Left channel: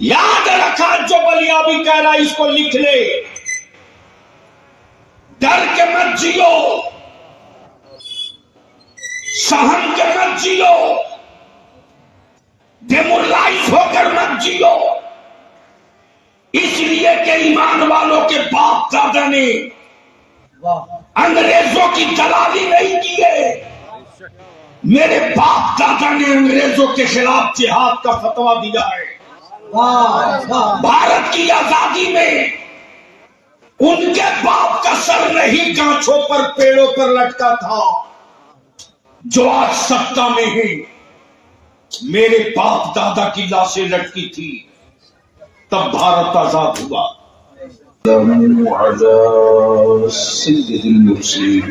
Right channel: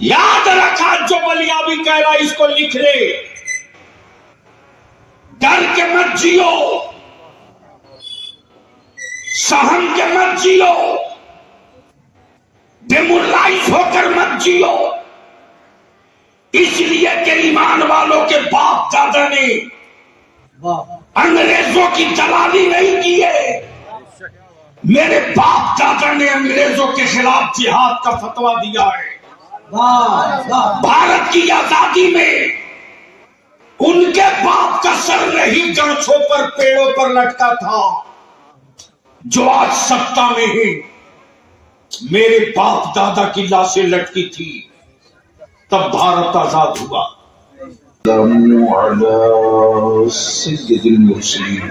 یاد رکھا جو بلیا بھی کہہ رہا اس کو لکھ لے، ڈر کے مت جیو، سہم کے مت جیو، ڈیمورلائز ہو کر مت جیو، اس لیے کہ ایمان والوں کے باپ دادا نے انگریزوں کی دلالی نہیں کی ہے۔ میرے باپ دادا نے انگریزوں کے خلاف جہاد کا فتویٰ دیا ہے۔ بھارت کی آزادی میں ان کے باپ کا سر نہیں گانچوں پر پیڑوں پر لٹکا تھا جو آج سکتا میں ہے، میرے باپ دادا کی لاشیں لٹکی تھی، تب بھارت آزاد ہوا۔ السلام علی سید المرسلین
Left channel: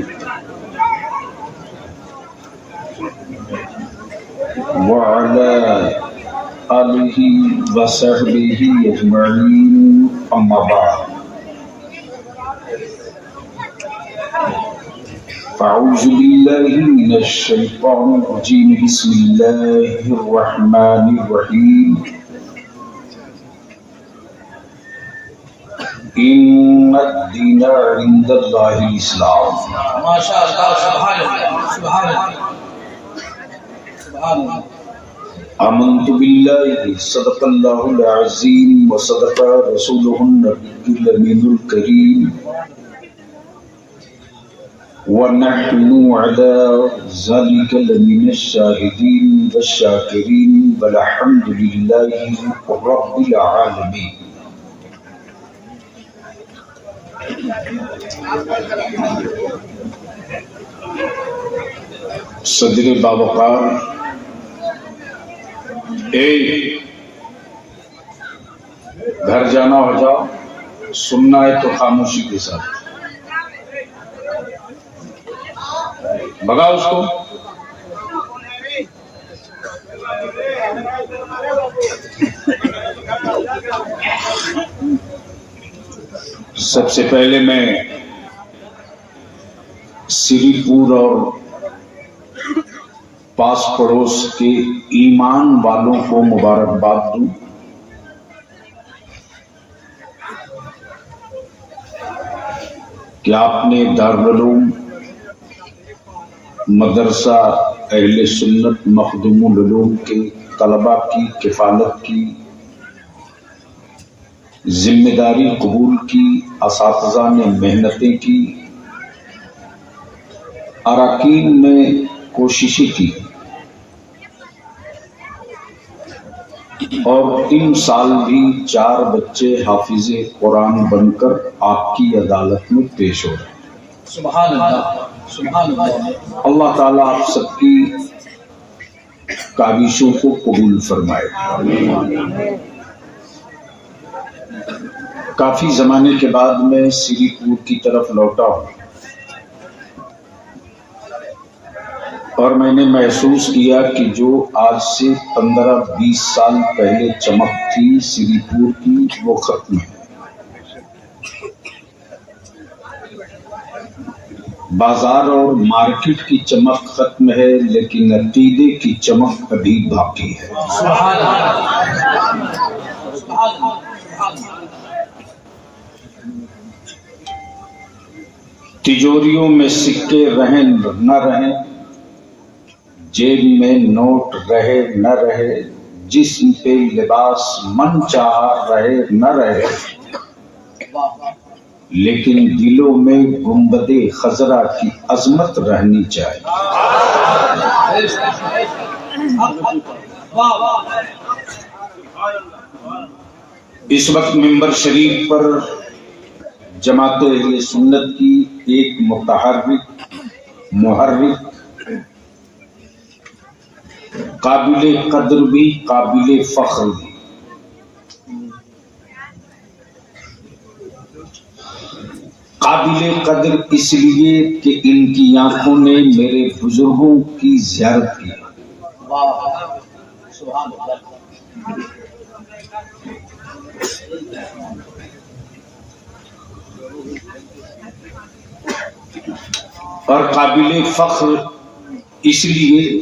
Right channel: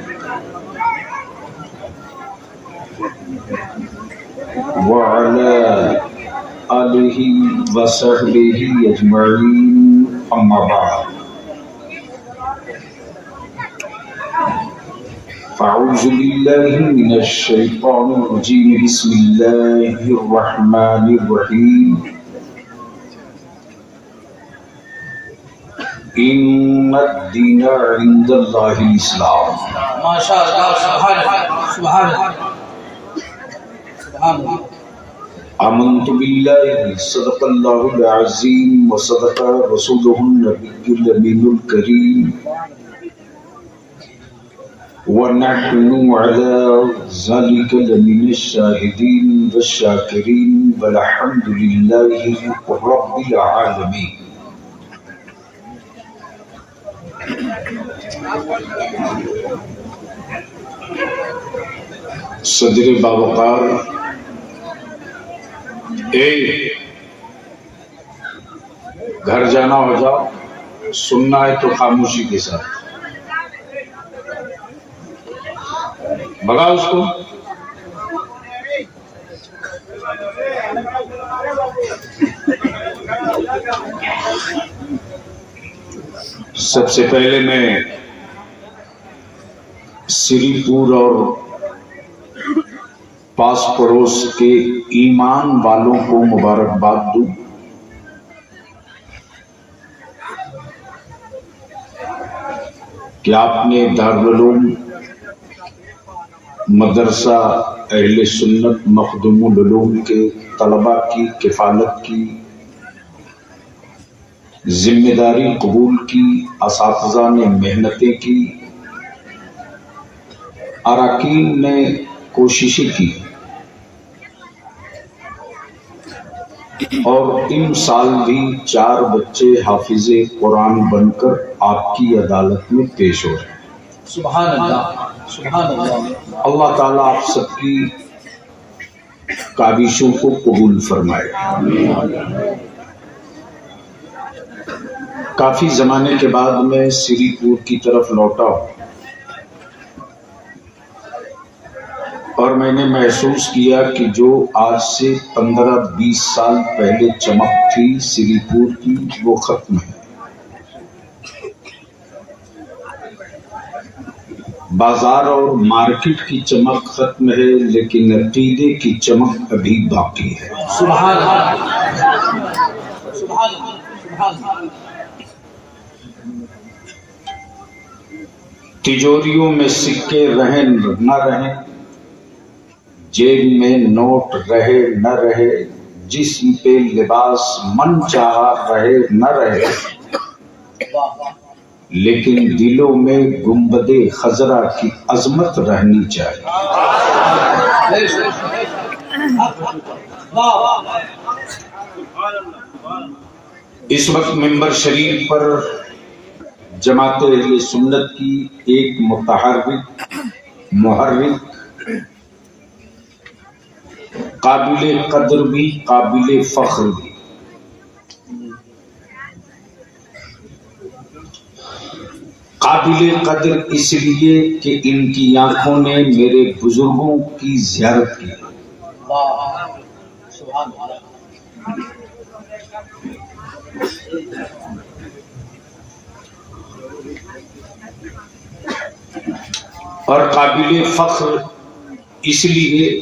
وعلی آلہ وصحبہ اجمعین، اما بعد، فاعوذ باللہ من الشیطان الرجیم، بسم اللہ الرحمن الرحیم، ان الدین عند اللہ الاسلام۔ ماشاء اللہ، سبحان اللہ، سبحان اللہ، سبحان اللہ۔ آمنت باللہ، صدق اللہ العظیم وصدق رسولہ النبی الامین الکریم، ونحن علی ذلک لمن الشاہدین والشاکرین، والحمد للہ رب العالمین۔ صدر باوقار، گھر جانا ہو جاؤ، سننا ہے تو خاموشی کے ساتھ، بھگا اس کو۔ سب سے پہلے میں سری پور اور پاس پڑوس کے ایمان والوں کو مبارکباد دوں۔ کہ آپ نے دارالعلوم مدرسہ اہل سنت مخدوم العلوم کے طلباء کی کفالت کی، ذمہ داری قبول کی، اساتذہ نے محنتیں کی، اراکین نے کوششیں کی، اور ان سال بھی 4 بچے حافظ قرآن بن کر آپ کی عدالت میں پیش ہو رہے ہیں۔ سبحان اللہ، سبحان اللہ۔ اللہ تعالیٰ آپ سب کی کاوشوں کو قبول فرمائے۔ کافی زمانے کے بعد میں سری پور کی طرف لوٹا ہوں، اور میں نے محسوس کیا کہ جو آج سے 15-20 سال پہلے چمک تھی سری پور کی، وہ ختم ہے۔ بازار اور مارکیٹ کی چمک ختم ہے، لیکن عقیدے کی چمک ابھی باقی ہے۔ سبحان اللہ، سبحان اللہ، سبحان اللہ۔ تجوریوں میں سکے رہیں نہ رہیں، جیب میں نوٹ رہے نہ رہے، جسم پہ لباس من چاہا رہے نہ رہے، لیکن دلوں میں گنبد خضرا کی عظمت رہنی چاہیے۔ اس وقت منبر شریف پر جماعت اہل سنت کی ایک متحرک، محرک، قابل قدر بھی قابل فخر بھی، قابل قدر اس لیے کہ ان کی آنکھوں نے میرے بزرگوں کی زیارت کی، سبحان اللہ۔ اور قابل فخر اس لیے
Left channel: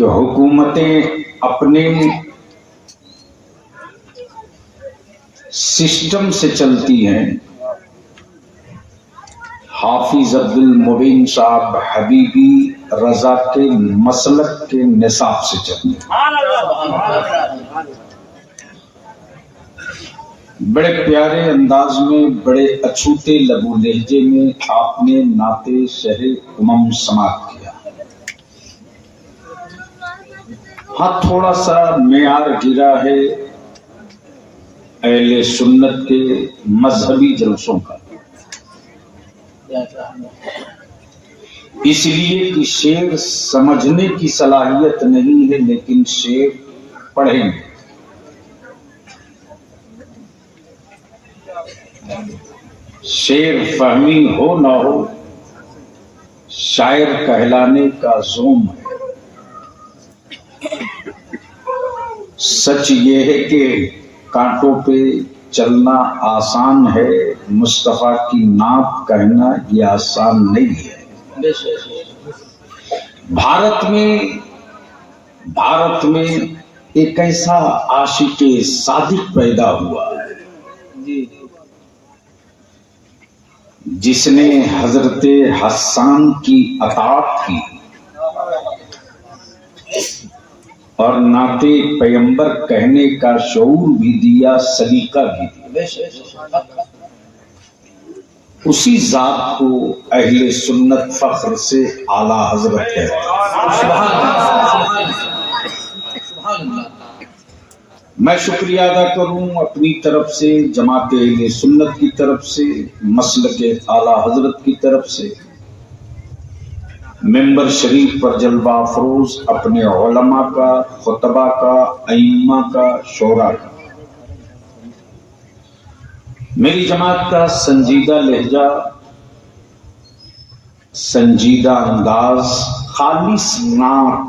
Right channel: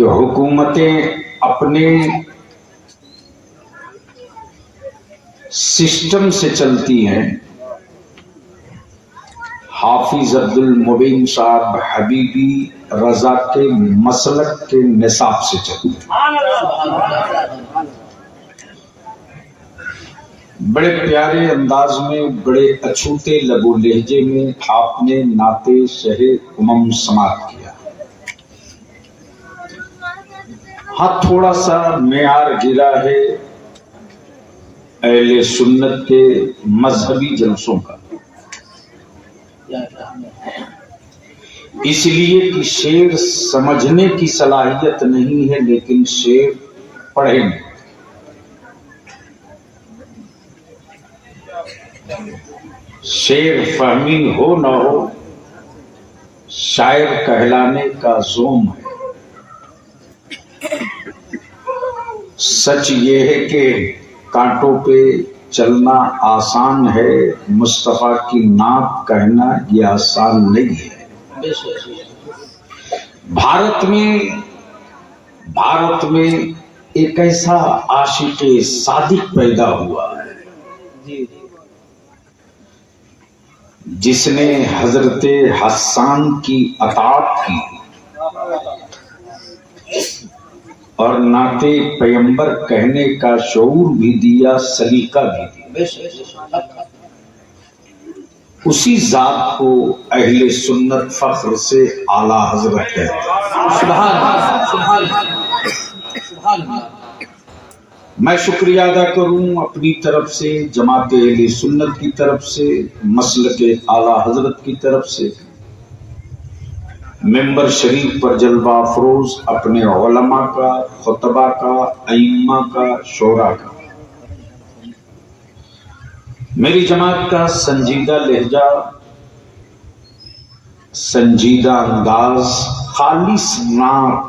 کہ حکومتیں اپنے سسٹم سے چلتی ہیں، حافظ عبد المبین صاحب حبیبی رضا کے مسلک کے نصاب سے چلتی ہیں۔ بڑے پیارے انداز میں، بڑے اچھوتے لب و لہجے میں آپ نے نعت شہ امم سماعت کیا۔ ہاں تھوڑا سا معیار گرا ہے اہل سنت کے مذہبی جلسوں کا، اس لیے کہ شعر سمجھنے کی صلاحیت نہیں ہے، لیکن شعر پڑھیں گے۔ شعر فہمی ہو نہ ہو، شاعر کہلانے کا زوم ہے۔ سچ یہ ہے کہ کانٹوں پہ چلنا آسان ہے، مصطفیٰ کی نعت کہنا یہ آسان نہیں ہے۔ بھارت میں ایک ایسا عاشق صادق پیدا ہوا ہے جس نے حضرت حسان کی اطاعت کی اور نعت پیغمبر کہنے کا شعور بھی دیا، سلیقہ بھی دیا۔ اسی ذات کو اہل سنت فخر سے اعلیٰ حضرت کہتے ہیں۔ میں شکریہ ادا کروں اپنی طرف سے، جماعت اہل سنت کی طرف سے، مسلک اعلیٰ حضرت کی طرف سے، ممبر شریف پر جلوہ افروز اپنے علماء کا، خطبہ کا، ائمہ کا، شورا کا، میری جماعت کا سنجیدہ لہجہ، سنجیدہ انداز، خالص نعت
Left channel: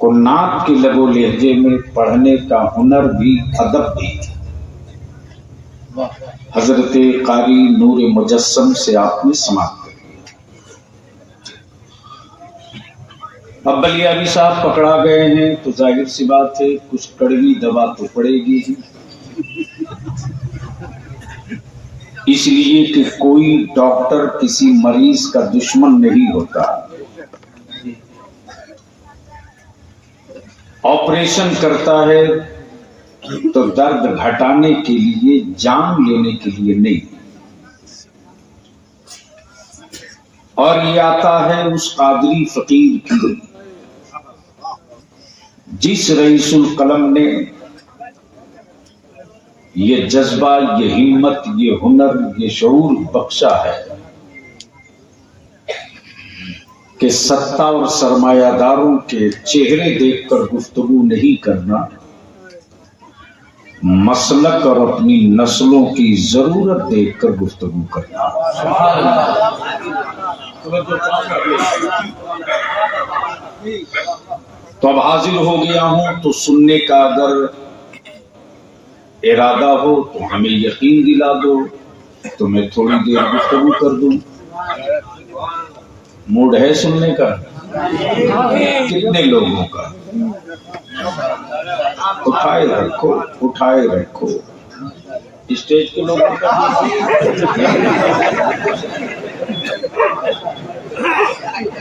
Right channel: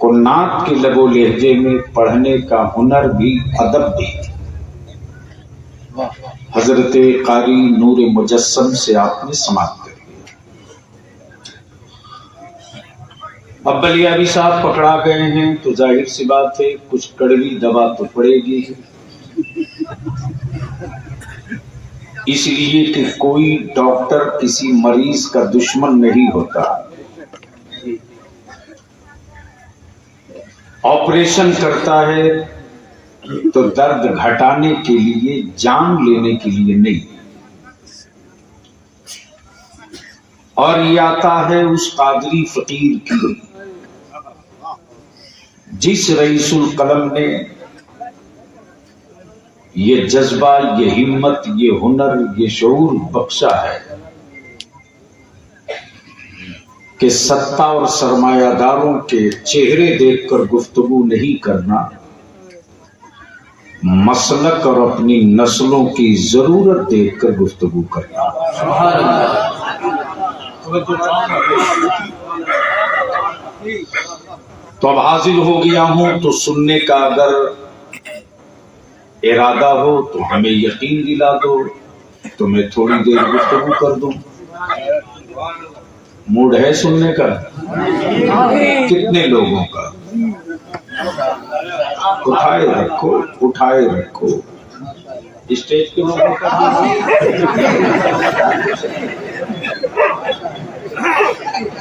کو نعت کے لب و لہجے میں پڑھنے کا ہنر بھی، ادب بھی حضرت قاری نور مجسم سے آپ نے سماعت کر لی۔ اب بلیابی صاحب پکڑا گئے ہیں تو ظاہر سی بات ہے کچھ کڑوی دوا تو پڑے گی ہی، اس لیے کہ کوئی ڈاکٹر کسی مریض کا دشمن نہیں ہوتا۔ آپریشن کرتا ہے تو درد گھٹانے کے لیے، جان لینے کے لیے نہیں، اور یہ آتا ہے اس قادری فقیر کی جس رئیس القلم نے یہ جذبہ، یہ ہمت، یہ ہنر، یہ شعور بخشا ہے کہ ستہ اور سرمایہ داروں کے چہرے دیکھ کر گفتگو نہیں کرنا، مسلک اور اپنی نسلوں کی ضرورت دیکھ کر گفتگو کرنا۔ تو اب حاضر ہو گیا ہوں تو سننے کا اگر ارادہ ہو تو ہمیں یقین دلا دو تو میں تھوڑی دیر گفتگو کر دوں۔ موڈ ہے سننے کا؟ کتنے لوگوں کا؟ اٹھائے رکھو، اٹھائے رکھو، اسٹیج کے لوگوں کا۔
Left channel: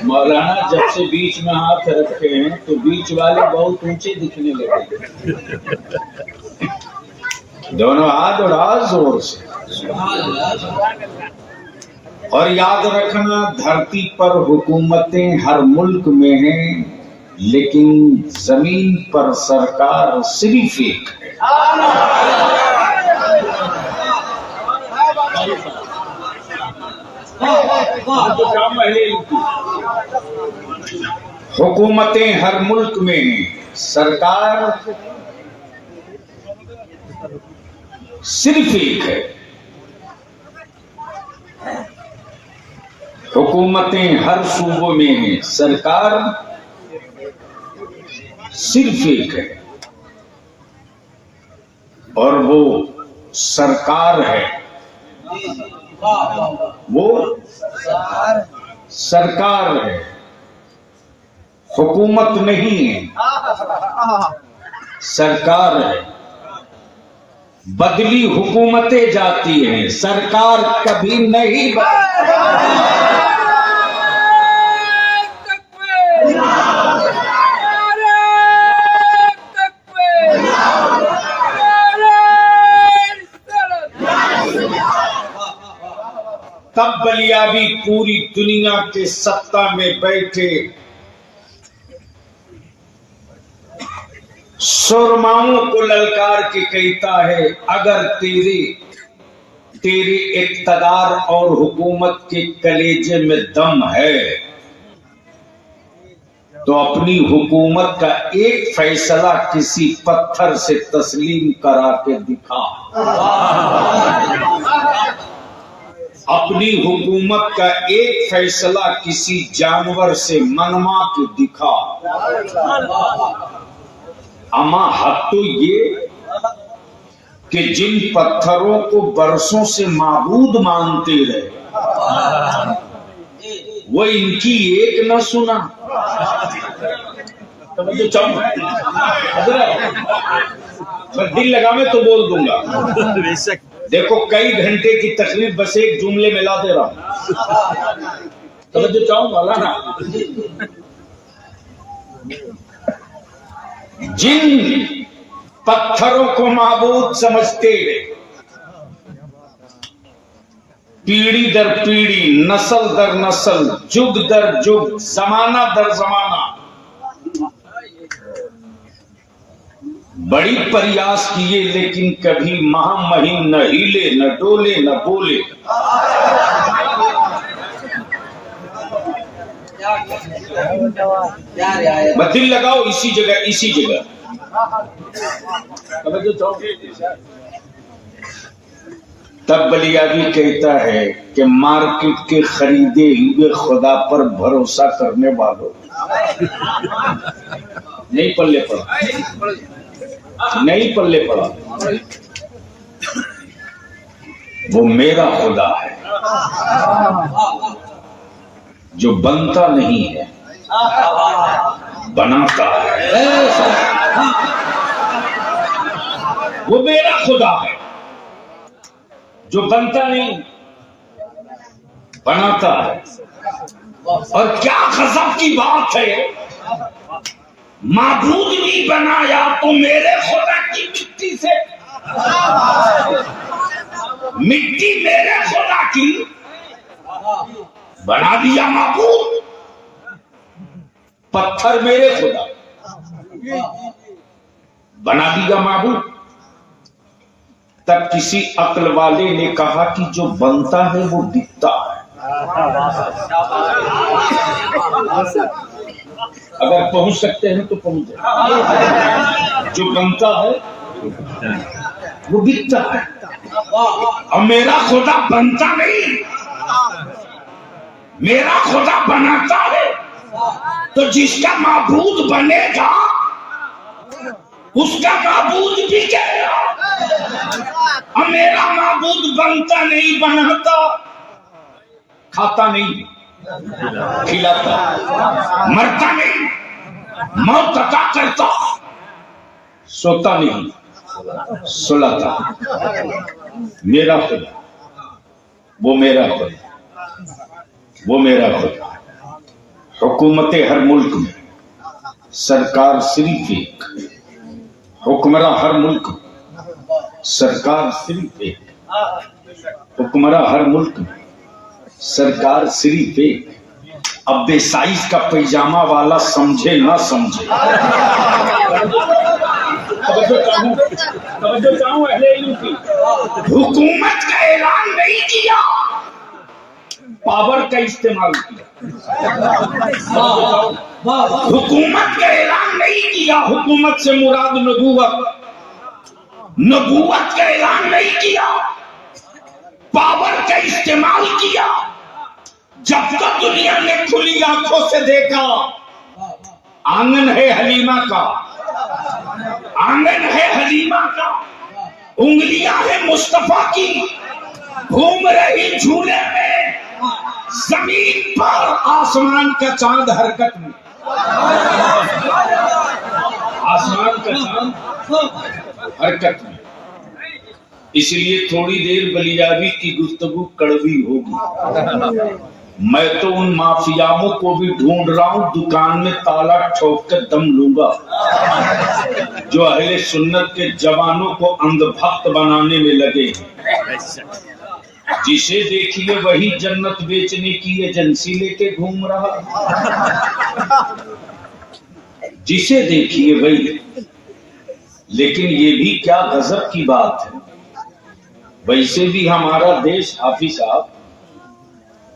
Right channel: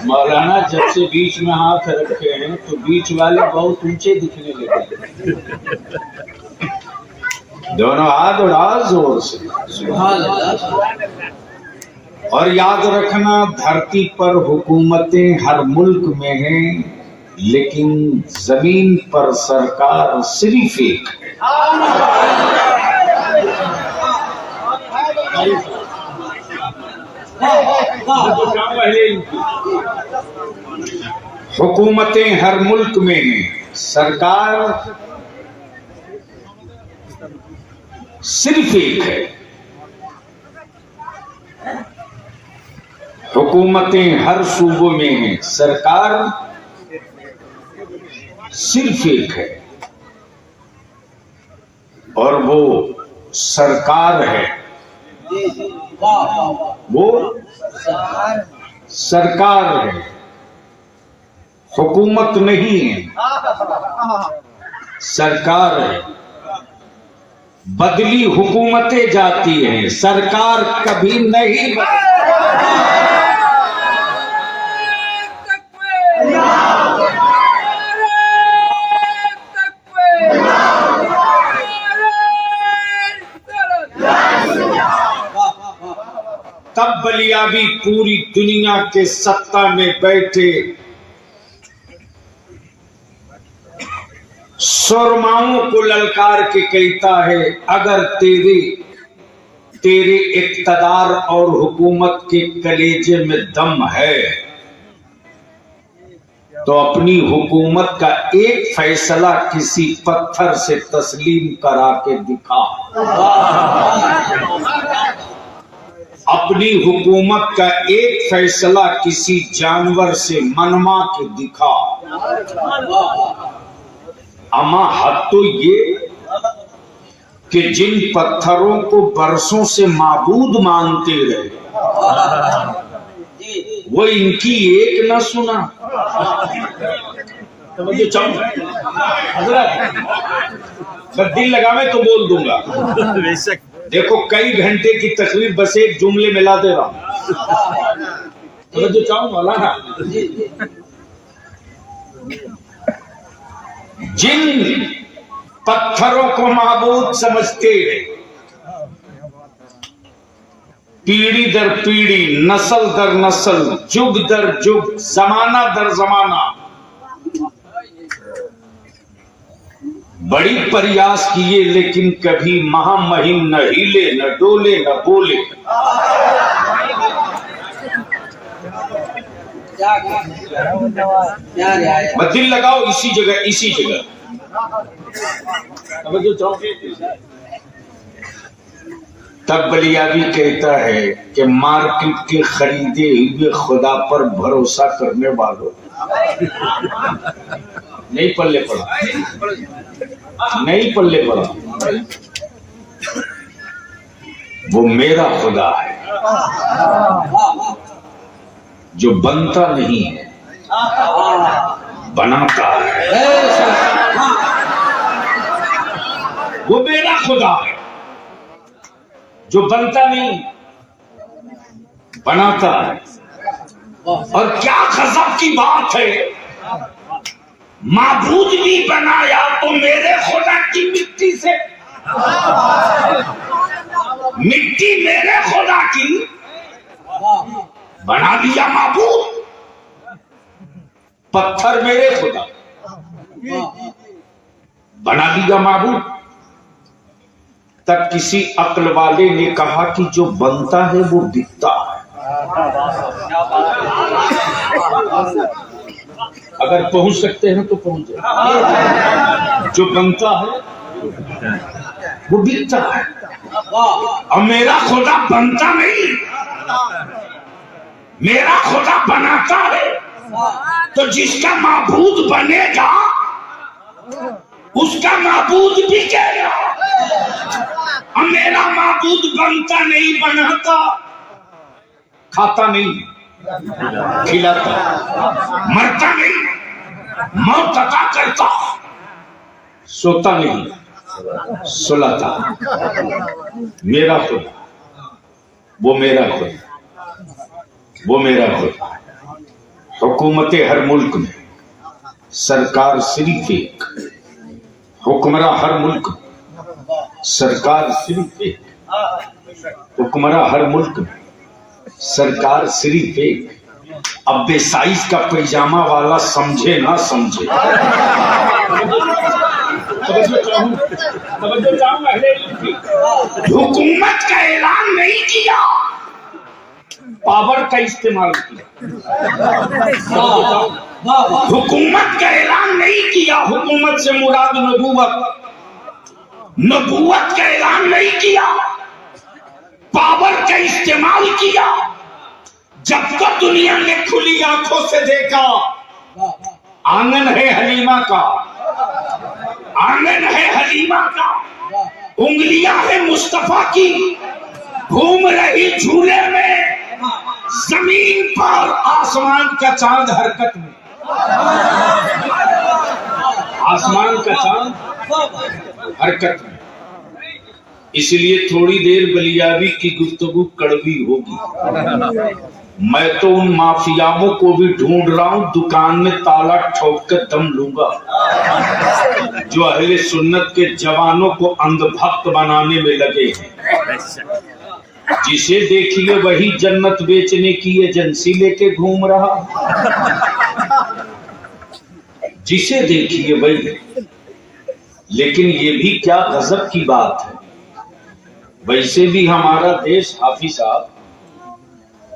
مولانا جب سے بیچ میں ہاتھ رکھے ہیں تو بیچ والے بہت اونچے دکھنے لگے، دونوں ہاتھ اڑا زور سے۔ اور یاد رکھنا دھرتی پر حکومتیں ہر ملک میں ہیں، لیکن زمین پر سرکار صرف ایک ہے۔ حکومتیں ہر ملک میں ہیں، سرکار صرف ایک ہے۔ حکومتیں ہر صوبوں میں ہیں، سرکار صرف ایک ہے، اور وہ سرکار ہے، وہ سرکار ہے۔ حکومت نہیں ہے، سرکار ہے۔ بدلی حکومتیں جاتی ہیں، سرکار کبھی نہیں تب بلیابی پوری دنیا کے سطح میں بیٹھے سرماؤں کو للکار کے کہتا ہے، اگر تیرے اقتدار اور حکومت کے کلیجے میں دم ہے تو اپنی حکومت کا ایک فیصلہ کسی پتھر سے تسلیم کرا کے دکھا، اپنی حکومت کا ایک فیصلہ کسی جانور سے منوا کے دکھا۔ اما حد تو یہ کہ جن پتھروں کو برسوں سے معبود مانتے رہے وہ ان کی ایک نہ سنا۔ دل لگا میں تو بول دوں گا، دیکھو کئی گھنٹے کی تقریر بس ایک جملے میں لا دے رہا ہوں، توجہ چاہوں مولانا۔ جن پتھروں کو معبود سمجھتے پیڑھی در پیڑھی، نسل در نسل، جگ در جگ، زمانہ در زمانہ بڑی پریاس کیے لیکن کبھی مہا مہم نہ ہلے، نہ ڈولے، نہ بولے۔ دل لگاؤ اسی جگہ، اسی جگہ۔ تب بلیابی کہتا ہے کہ مارکیٹ کے خریدے ہوئے خدا پر بھروسہ کرنے والوں نہیں پلے پڑا، نہیں پلے پڑا، وہ میرا خدا ہے جو بنتا نہیں ہے، بناتا ہے۔ وہ میرا خدا ہے جو بنتا نہیں، بناتا ہے۔ اور کیا غضب کی بات ہے، معبود بھی بنایا تو میرے خدا کی مٹی سے، مٹی میرے خدا کی بنا دیا معبود، پتھر میرے خدا بنا دیا معبود۔ تب کسی عقل والے نے کہا کہ جو بنتا ہے وہ دکھتا ہے، اگر پہنچ سکتے ہیں تو پہنچ جائے۔ جو بنتا ہے وہ دکھتا ہے، اور میرا خدا بنتا نہیں، میرا خدا بناتا ہے۔ تو جس کا معبود بنے گا اس کا معبود بھی کہے گا، اور میرا معبود بنتا نہیں، بناتا، کھاتا نہیں، کھلاتا، مرتا نہیں، موت عطا کرتا، سوتا نہیں، سلاتا۔ میرا خدا، وہ میرا خدا، وہ میرا خدا۔ حکومت ہر ملک میں، سرکار صرف ایک، حکمراں ہر ملک میں، سرکار صرف ایک، حکمراں ہر ملک میں، سرکار صرف ایک۔ اب بے سائز کا پیجامہ والا سمجھے نہ سمجھے، توجہ چاہوں اہل علم کی، حکومت کا اعلان نہیں کیا، پاور کا استعمال کیا۔ حکومت کا اعلان نہیں کیا، حکومت سے مراد نبوت، نبوت کا اعلان نہیں کیا، پاور کا استعمال کیا۔ جب تک دنیا نے کھلی آنکھوں سے دیکھا آنگن ہے حلیمہ کا، آنگن ہے حلیمہ کا، انگلیاں ہیں مصطفیٰ کی، گھوم رہی جھولے میں، زمین پر آسمان کا چاند حرکت میں۔ آسمان کا چاند حرکت میں، اس لیے تھوڑی دیر بلیابی کی گفتگو کڑوی ہوگی۔ میں تو ان مافیاؤں کو بھی ڈھونڈ رہا ہوں دکان میں تالا ٹھوک کر دم لوں گا، جو اہل سنت کے جوانوں کو اندھ بھکت بنانے میں لگے ہیں۔ جسے دیکھیے وہی جنت بیچنے کی ایجنسی لے کے گھوم رہا، جسے دیکھیے وہی۔ لیکن یہ بھی کیا غضب کی بات ہے، ویسے بھی ہمارا دیش، حافظ صاحب،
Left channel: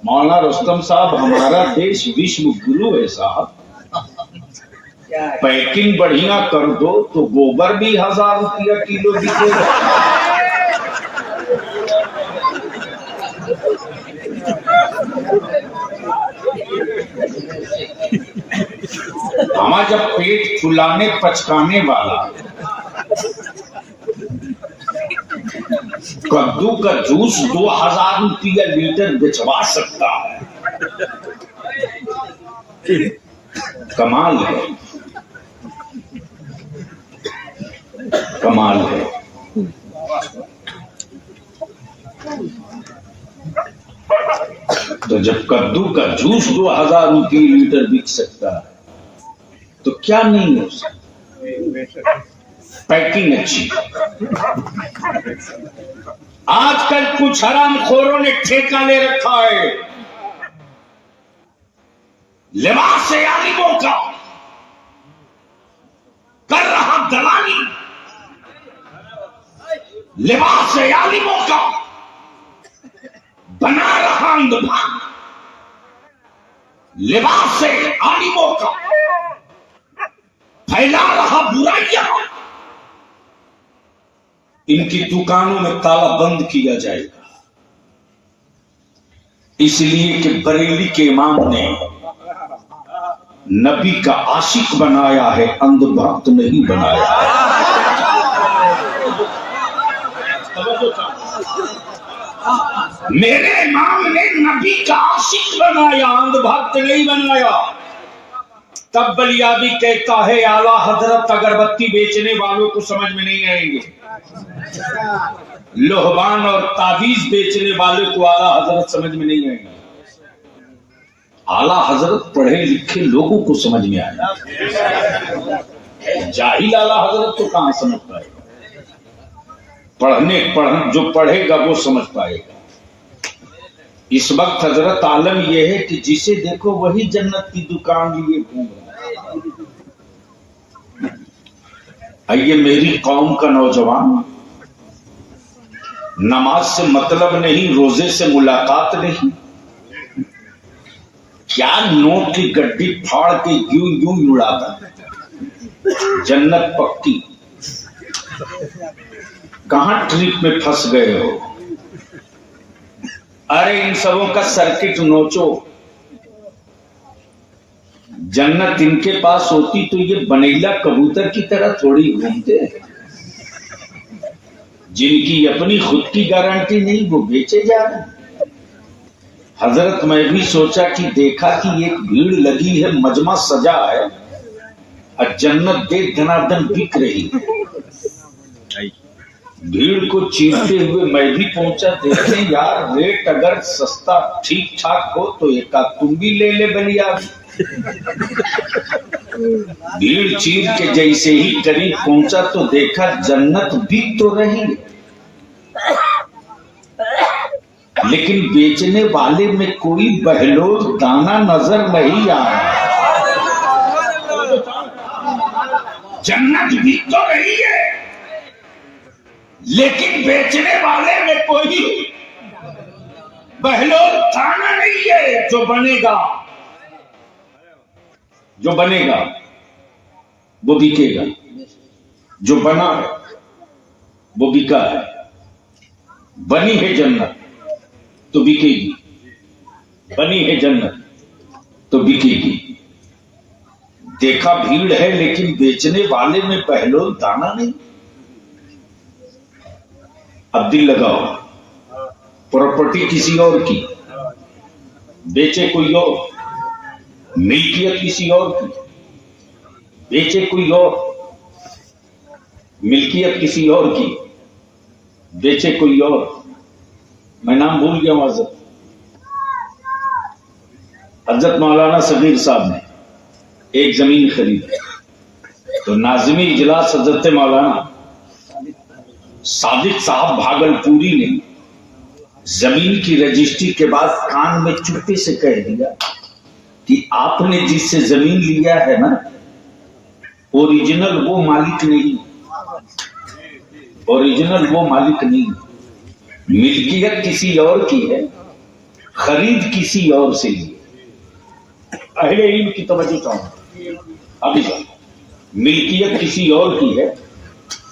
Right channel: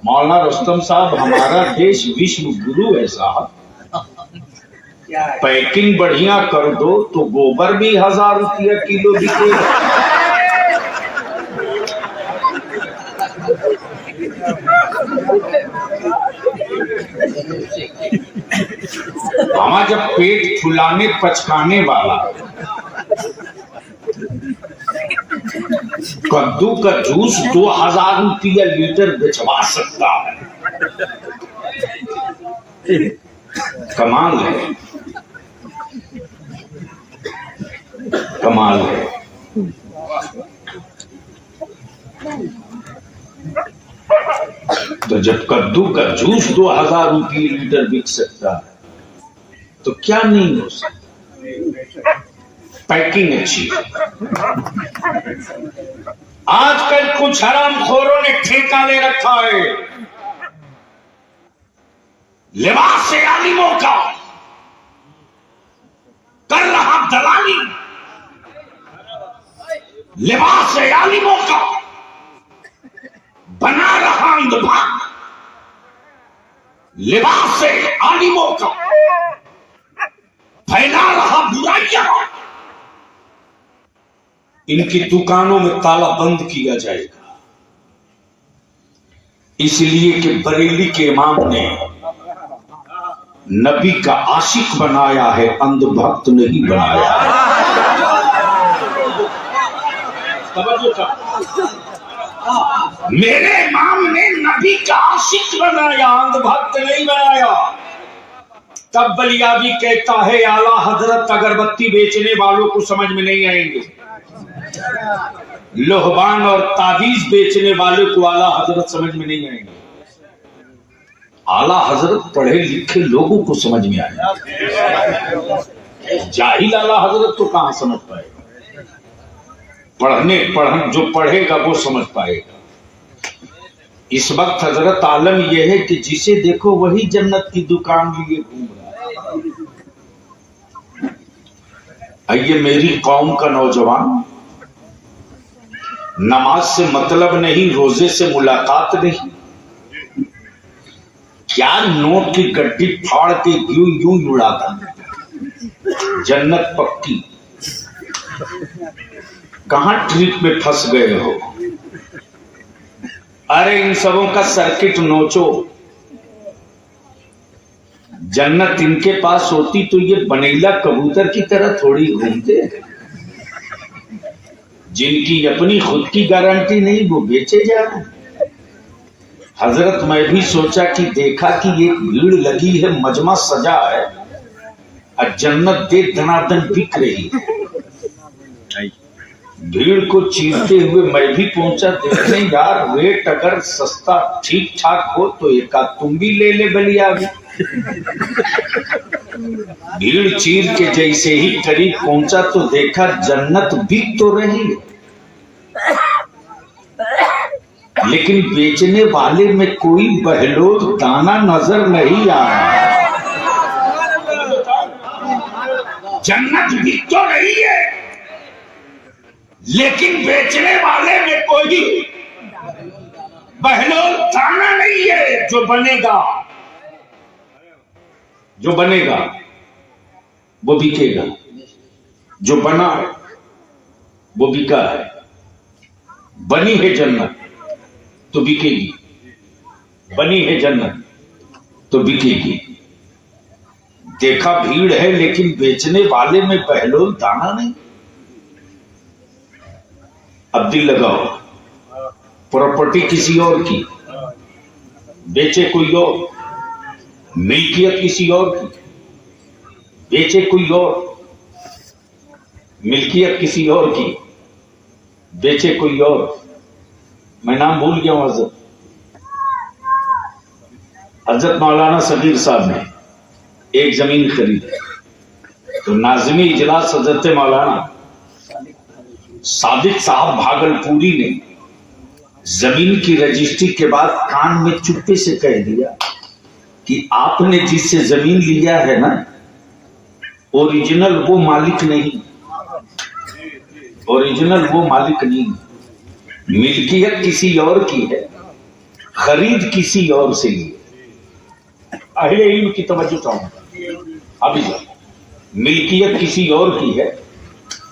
مولانا رستم صاحب، ہمارا دیش وشو گرو ہے صاحب۔ پیکنگ بڑھیا کر دو تو گوبر بھی 1000 روپیہ کلو بکے گا۔ ہمارا جب پیٹ پھلانے پچکانے والا کدو کا جوس 2000 روپیہ لیٹر بچوا سکتا ہے، کمال ہے، کمال ہے۔ تو جب کدو کا جوس 2000 روپیہ لیٹر بک سکتا ہے تو کیا نہیں ہو سکتا؟ پیکنگ اچھی۔ آج کل کچھ حرام خوروں نے ٹھیکہ لے رکھا ہے لباس عالموں کا، کر رہا دلالی لباس عالموں کا، بنا رہا اندھ بھکت لباس عالموں کا، پھیلا رہا برائیاں۔ ان کی دکانوں میں تالا بند کیا جائے گا، اس لیے کہ بریلی کے امام نے نبی کا عاشق بنایا ہے، اندھ بھکت نہیں بنایا۔ میرے امام نے نبی کا عاشق بنایا، اندھ بھکت نہیں بنایا۔ تب بلیابی کہتا ہے اعلیٰ حضرت اگربتی بیچنے والوں کو سمجھ میں نہیں آئیں گے، لوہبان اور تعویذ بیچنے والے کو اعلیٰ حضرت سمجھ میں نہیں آئیں گے، اعلیٰ حضرت پڑھے لکھے لوگوں کو سمجھ میں آئے گا، جاہل اعلیٰ حضرت تو کہاں سمجھ پائے گا؟ جو پڑھے گا وہ سمجھ پائے گا۔ اس وقت حضرت عالم یہ ہے کہ جسے دیکھو وہی جنت کی دکان لیے گھوم رہا ہے۔ آئیے میری قوم کا نوجوان، نماز سے مطلب نہیں، روزے سے ملاقات نہیں، کیا نوٹ کی گڈی پھاڑ کے یوں اڑاتا، جنت پکی، کہاں ٹرپ میں پھنس گئے ہو؟ ارے ان سبوں کا سرکٹ نوچو، جنت ان کے پاس ہوتی تو یہ بنیلا کبوتر کی طرح تھوڑی گھومتے، جن کی اپنی خود کی گارنٹی نہیں وہ بیچے جا رہے۔ حضرت میں بھی سوچا کہ دیکھا کہ ایک بھیڑ لگی ہے، مجمع سجا ہے، اور جنت دے دھنادن بک رہی ہے۔ بھیڑ کو چیرتے ہوئے میں بھی پہنچا دیکھنے، یار ریٹ اگر سستا ٹھیک ٹھاک ہو تو ایک آدھ تم بھی لے لے بلیابی۔ بھیڑ چیر کے جیسے ہی قریب پہنچا تو دیکھا جنت بک تو رہی ہے، لیکن بیچنے والے میں کوئی بہلول دانا نظر نہیں آ رہا۔ جنت بک تو رہی ہے لیکن بیچنے والے میں کوئی بہلول دانا نہیں ہے۔ جو بنے گا وہ بکے گا، جو بنا ہے وہ بکا ہے۔ بنی ہے جنت تو بکے گی، بنی ہے جنت تو بکے گی۔ دیکھا بھیڑ ہے لیکن بیچنے والے میں بہلول دانا نہیں۔ اب دل لگاؤ، پراپرٹی کسی اور کی، بیچے کوئی اور، ملکیت کسی اور کی، بیچے کوئی اور، ملکیت کسی اور کی، بیچے کوئی اور. میں نام بھول گیا ہوں. حضرت مولانا صغیر صاحب نے ایک زمین خریدی تو ناظمی اجلاس حضرت مولانا صادق صاحب بھاگل پوری نے زمین کی رجسٹری کے بعد کان میں چپے سے کہہ دیا کہ آپ نے جس سے زمین لیا ہے نا اوریجنل وہ مالک نہیں، اوریجنل وہ مالک نہیں، ملکیت کسی اور کی ہے، خرید کسی اور سے لی. اہل علم کی توجہ چاہوں ابھی جا، ملکیت کسی اور کی ہے،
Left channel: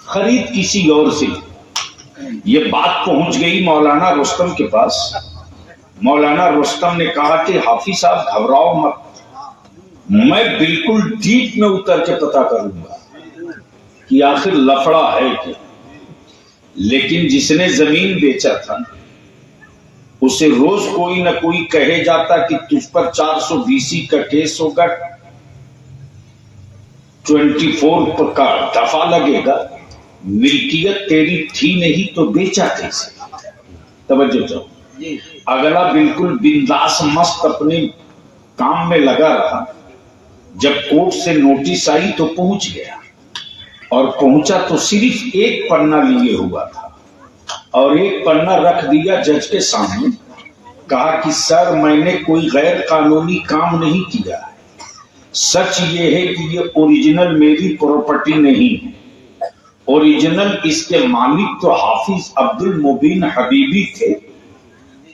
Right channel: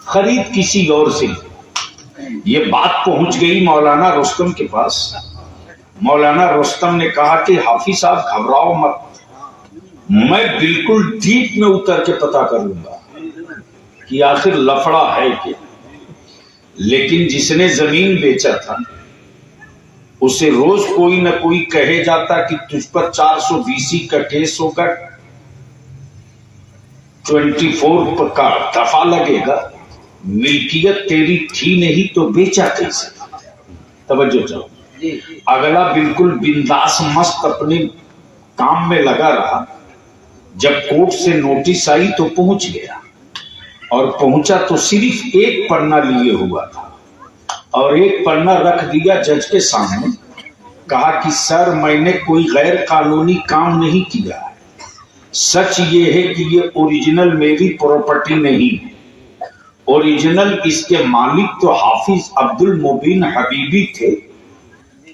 خرید کسی اور سے لی. یہ بات پہنچ گئی مولانا رستم کے پاس. مولانا رستم نے کہا کہ حافظ صاحب گھبراؤ مت، میں بالکل ڈیپ میں اتر کے پتا کر لوں گا کہ آخر لفڑا ہے کہ. لیکن جس نے زمین بیچا تھا اسے روز کوئی نہ کوئی کہے جاتا کہ تجھ پر 420 کا کیس ہوگا، 24 کا دفعہ لگے گا، ملکیت تیری تھی نہیں تو بیچا کیسے؟ توجہ چاہو. اگلا بالکل بنداس مست اپنے کام میں لگا رہا. جب کورٹ سے نوٹس آئی تو پہنچ گیا، اور پہنچا تو صرف ایک پنہ لیے ہوا تھا اور ایک پنہ رکھ دیا جج کے سامنے. کہا کہ سر میں نے کوئی غیر قانونی کام نہیں کیا ہے، سچ یہ ہے کہ یہ اوریجنل میری پراپرٹی نہیں ہے، اوریجنل اس کے مالک تو حافظ عبد المبین حبیبی تھے،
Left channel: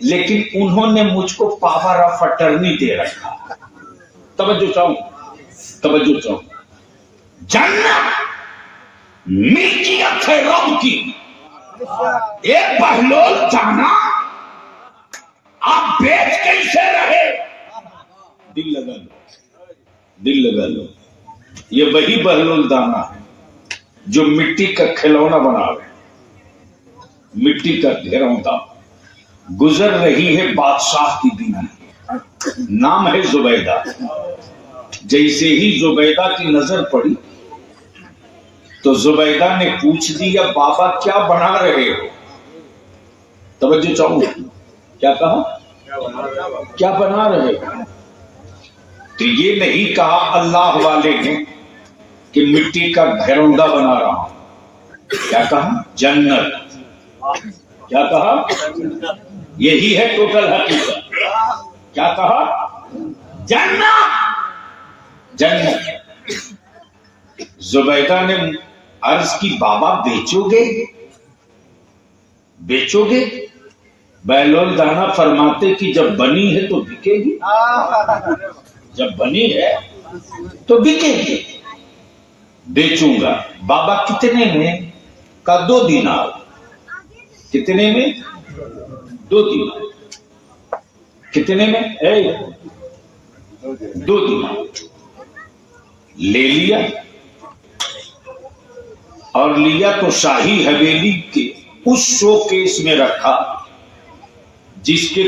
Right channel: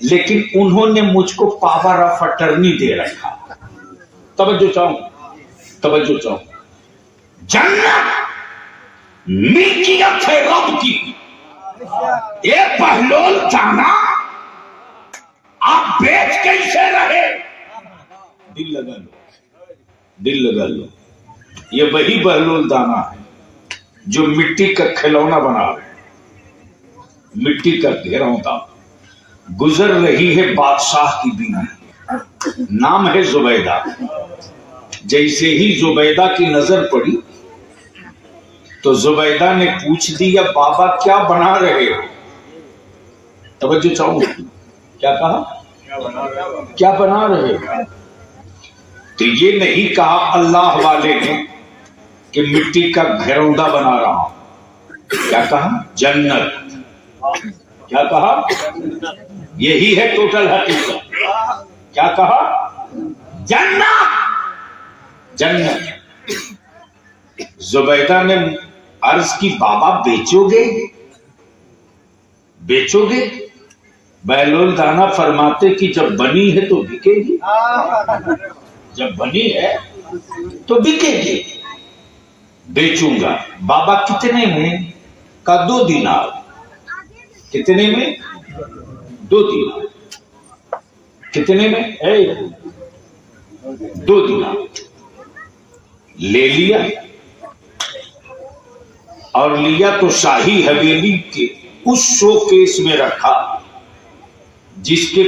لیکن انہوں نے مجھ کو پاور آف اٹرنی دے رکھا. توجہ چاہوں، توجہ چاہوں. جنت ملکیت ہے رب کی. ایک بہلول جانا آپ بیچ کیسے رہے؟ دل لگا لو، دل لگا لو. یہ وہی بہلول دانا ہے جو مٹی کا کھلونا بنا رہے، مٹی کا گھروندا. گزر رہی ہے بادشاہ کی بیوی، نام ہے زبیدہ. جیسے ہی زبیدہ کی نظر پڑی تو زبیدہ نے پوچھ دیا بابا کیا بنا رہے ہو؟ توجہ چاہوں، کیا کہا؟ کیا بنا رہے ہو؟ تو یہ نہیں کہا اللہ والے نے کہ مٹی کا گھروندا بنا رہا ہوں. کیا کہا؟ جنت. کیا کہا؟ یہی ہے ٹوٹل حقیقت. کیا کہا؟ جنت. جنت. زبیدہ نے عرض کی بابا بیچو گے؟ بیچو گے؟ بہلول دانا فرماتے کہ جب بنی ہے تو بکے گی، جب بنی ہے تو بکے گی. بیچوں گا. بابا کتنے میں؟ کا 2 دینار. کتنے میں؟ 2 دینار. کتنے میں؟ 2 دینار. لے لیا، اور لیا تو شاہی حویلی کے اس شو کیس میں رکھا جس کے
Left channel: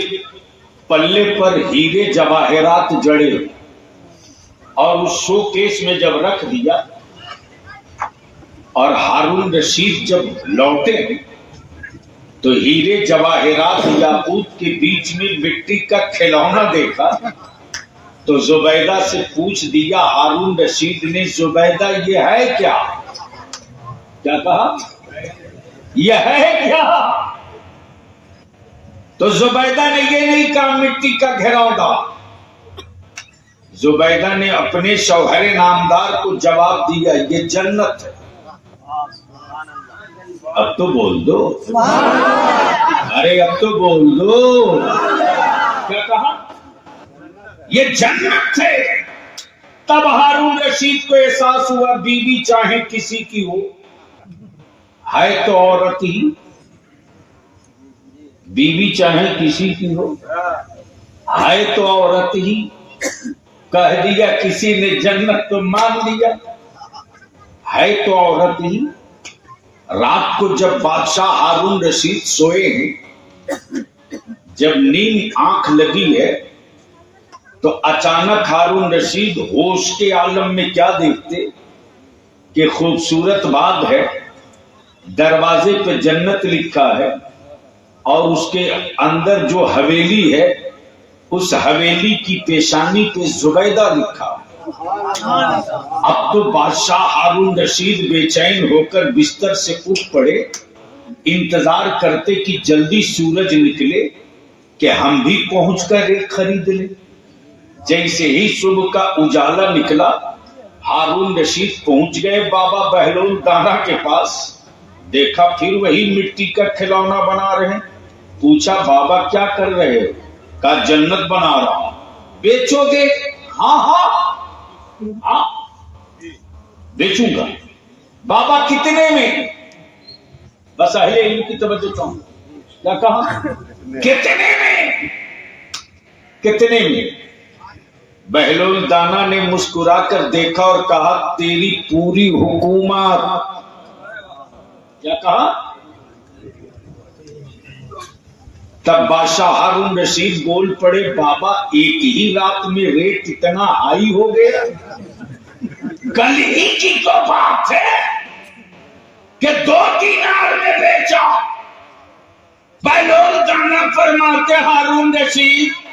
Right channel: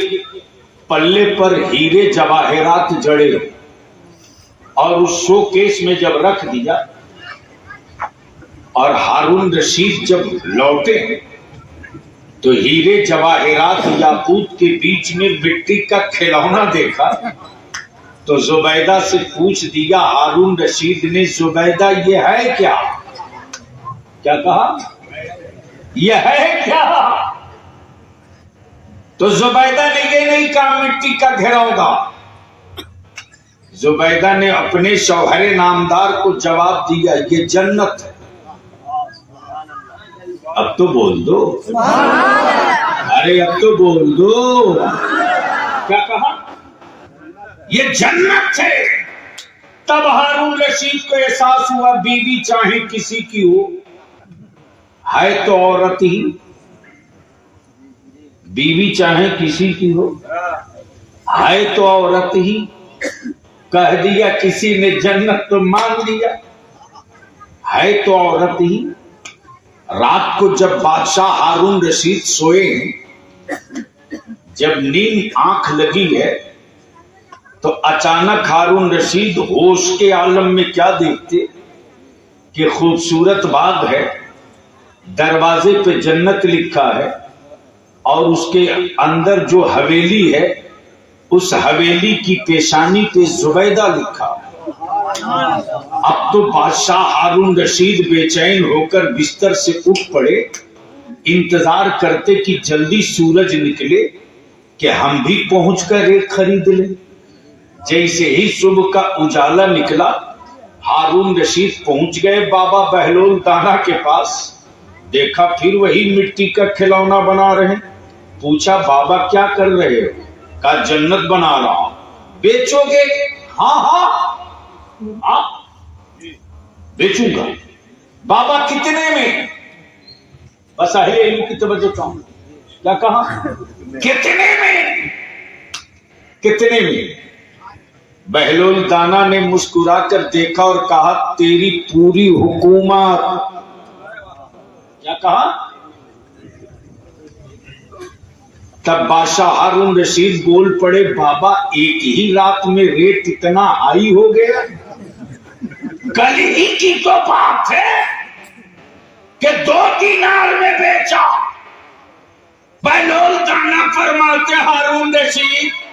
پلے پر ہیرے جواہرات جڑے. اور اس شو کیس میں جب رکھ دیا اور ہارون رشید جب لوٹے تو ہیرے جواہرات یاقوت کے بیچ میں مٹی کا کھلونا دیکھا تو زبیدہ سے پوچھ دیا ہارون رشید نے زبیدہ یہ ہے کیا؟ کیا کہا؟ یہ ہے کیا؟ تو زبیدہ نے یہ نہیں کہا مٹی کا گھروندا. زبیدہ نے اپنے شوہر نامدار کو جواب دیا یہ جنت ہے. اب تو بول دو، ارے اب تو بول دو. کیا کہا؟ یہ جنت ہے. تب ہارون رشید کو احساس ہوا بیوی چاہے کسی کی ہو ہے تو عورت ہی. بیوی چاہے کسی کی ہو ہے تو عورت ہی. کہہ دیا کسی نے جنت تو مان لیا، ہے تو عورت ہی. رات کو جب بادشاہ ہارون رشید سوئے ہیں، جب نیند آنکھ لگی ہے تو اچانک ہارون رشید ہوش کے عالم میں کیا دیکھتے کہ خوبصورت باغ ہے، دروازے پہ جنت لکھا ہے، اور اس کے اندر جو حویلی ہے اس حویلی کی پیشانی پہ زبیدہ لکھا ہے۔ اب تو بادشاہ ہارون رشید بے چین ہو کر بستر سے اٹھ پڑے، انتظار کرتے کہ جلدی سورج نکلے کہ ہم بھی پہنچ کر ایک خرید لیں۔ جیسے ہی صبح کا اجالا نکلا، ہارون رشید پہنچ گئے بابا بہلول دانا کے پاس۔ دیکھا پھر وہی مٹی کا کھلونا بنا رہے۔ پوچھا بابا کیا کر رہے ہو؟ کہا جنت بنا رہا ہوں۔ بیچو گے؟ ہاں ہاں بیچوں گا۔ بابا کتنے میں؟ بس اہل علم کی توجہ چاہوں، کیا کہا؟ کتنے میں؟ کتنے میں؟ بہلول دانا نے مسکرا کر دیکھا اور کہا تیری پوری حکومت۔ کیا کہا؟ تب بادشاہ ہارون رشید بول پڑے بابا ایک ہی رات میں ریٹ اتنا ہائی ہو گیا؟ کل ہی کی تو بات ہے کہ 2 دینار میں بیچا۔ بہلول دانا فرماتے ہارون رشید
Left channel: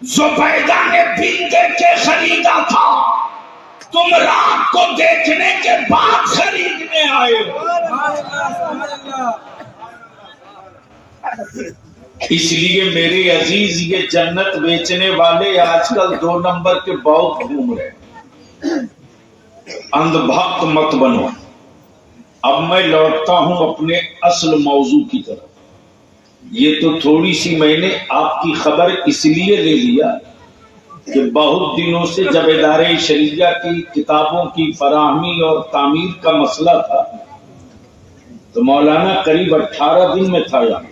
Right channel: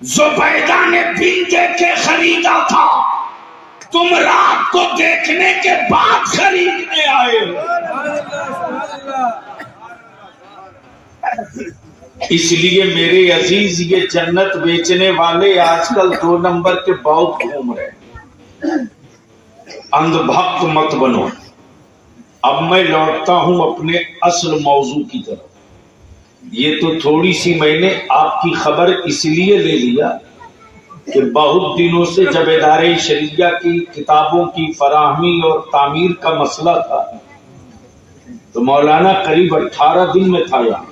زبیدہ نے بل دے کے خریدا تھا، تم رات کو دیکھنے کے بعد خریدنے آئے ہو۔ اس لیے میرے عزیز یہ جنت بیچنے والے آج کل 2 نمبر کے بہت گھوم رہے۔ اندھ بھکت مت بنو۔ اب میں لوٹتا ہوں اپنے اصل موضوع کی طرف۔ یہ تو تھوڑی سی میں نے آپ کی خبر اس لیے لے لیا کہ بہت دنوں سے جب ادارے شریعہ کی کتابوں کی فراہمی اور تعمیر کا مسئلہ تھا تو مولانا قریب 18 دن میں تھا یہاں،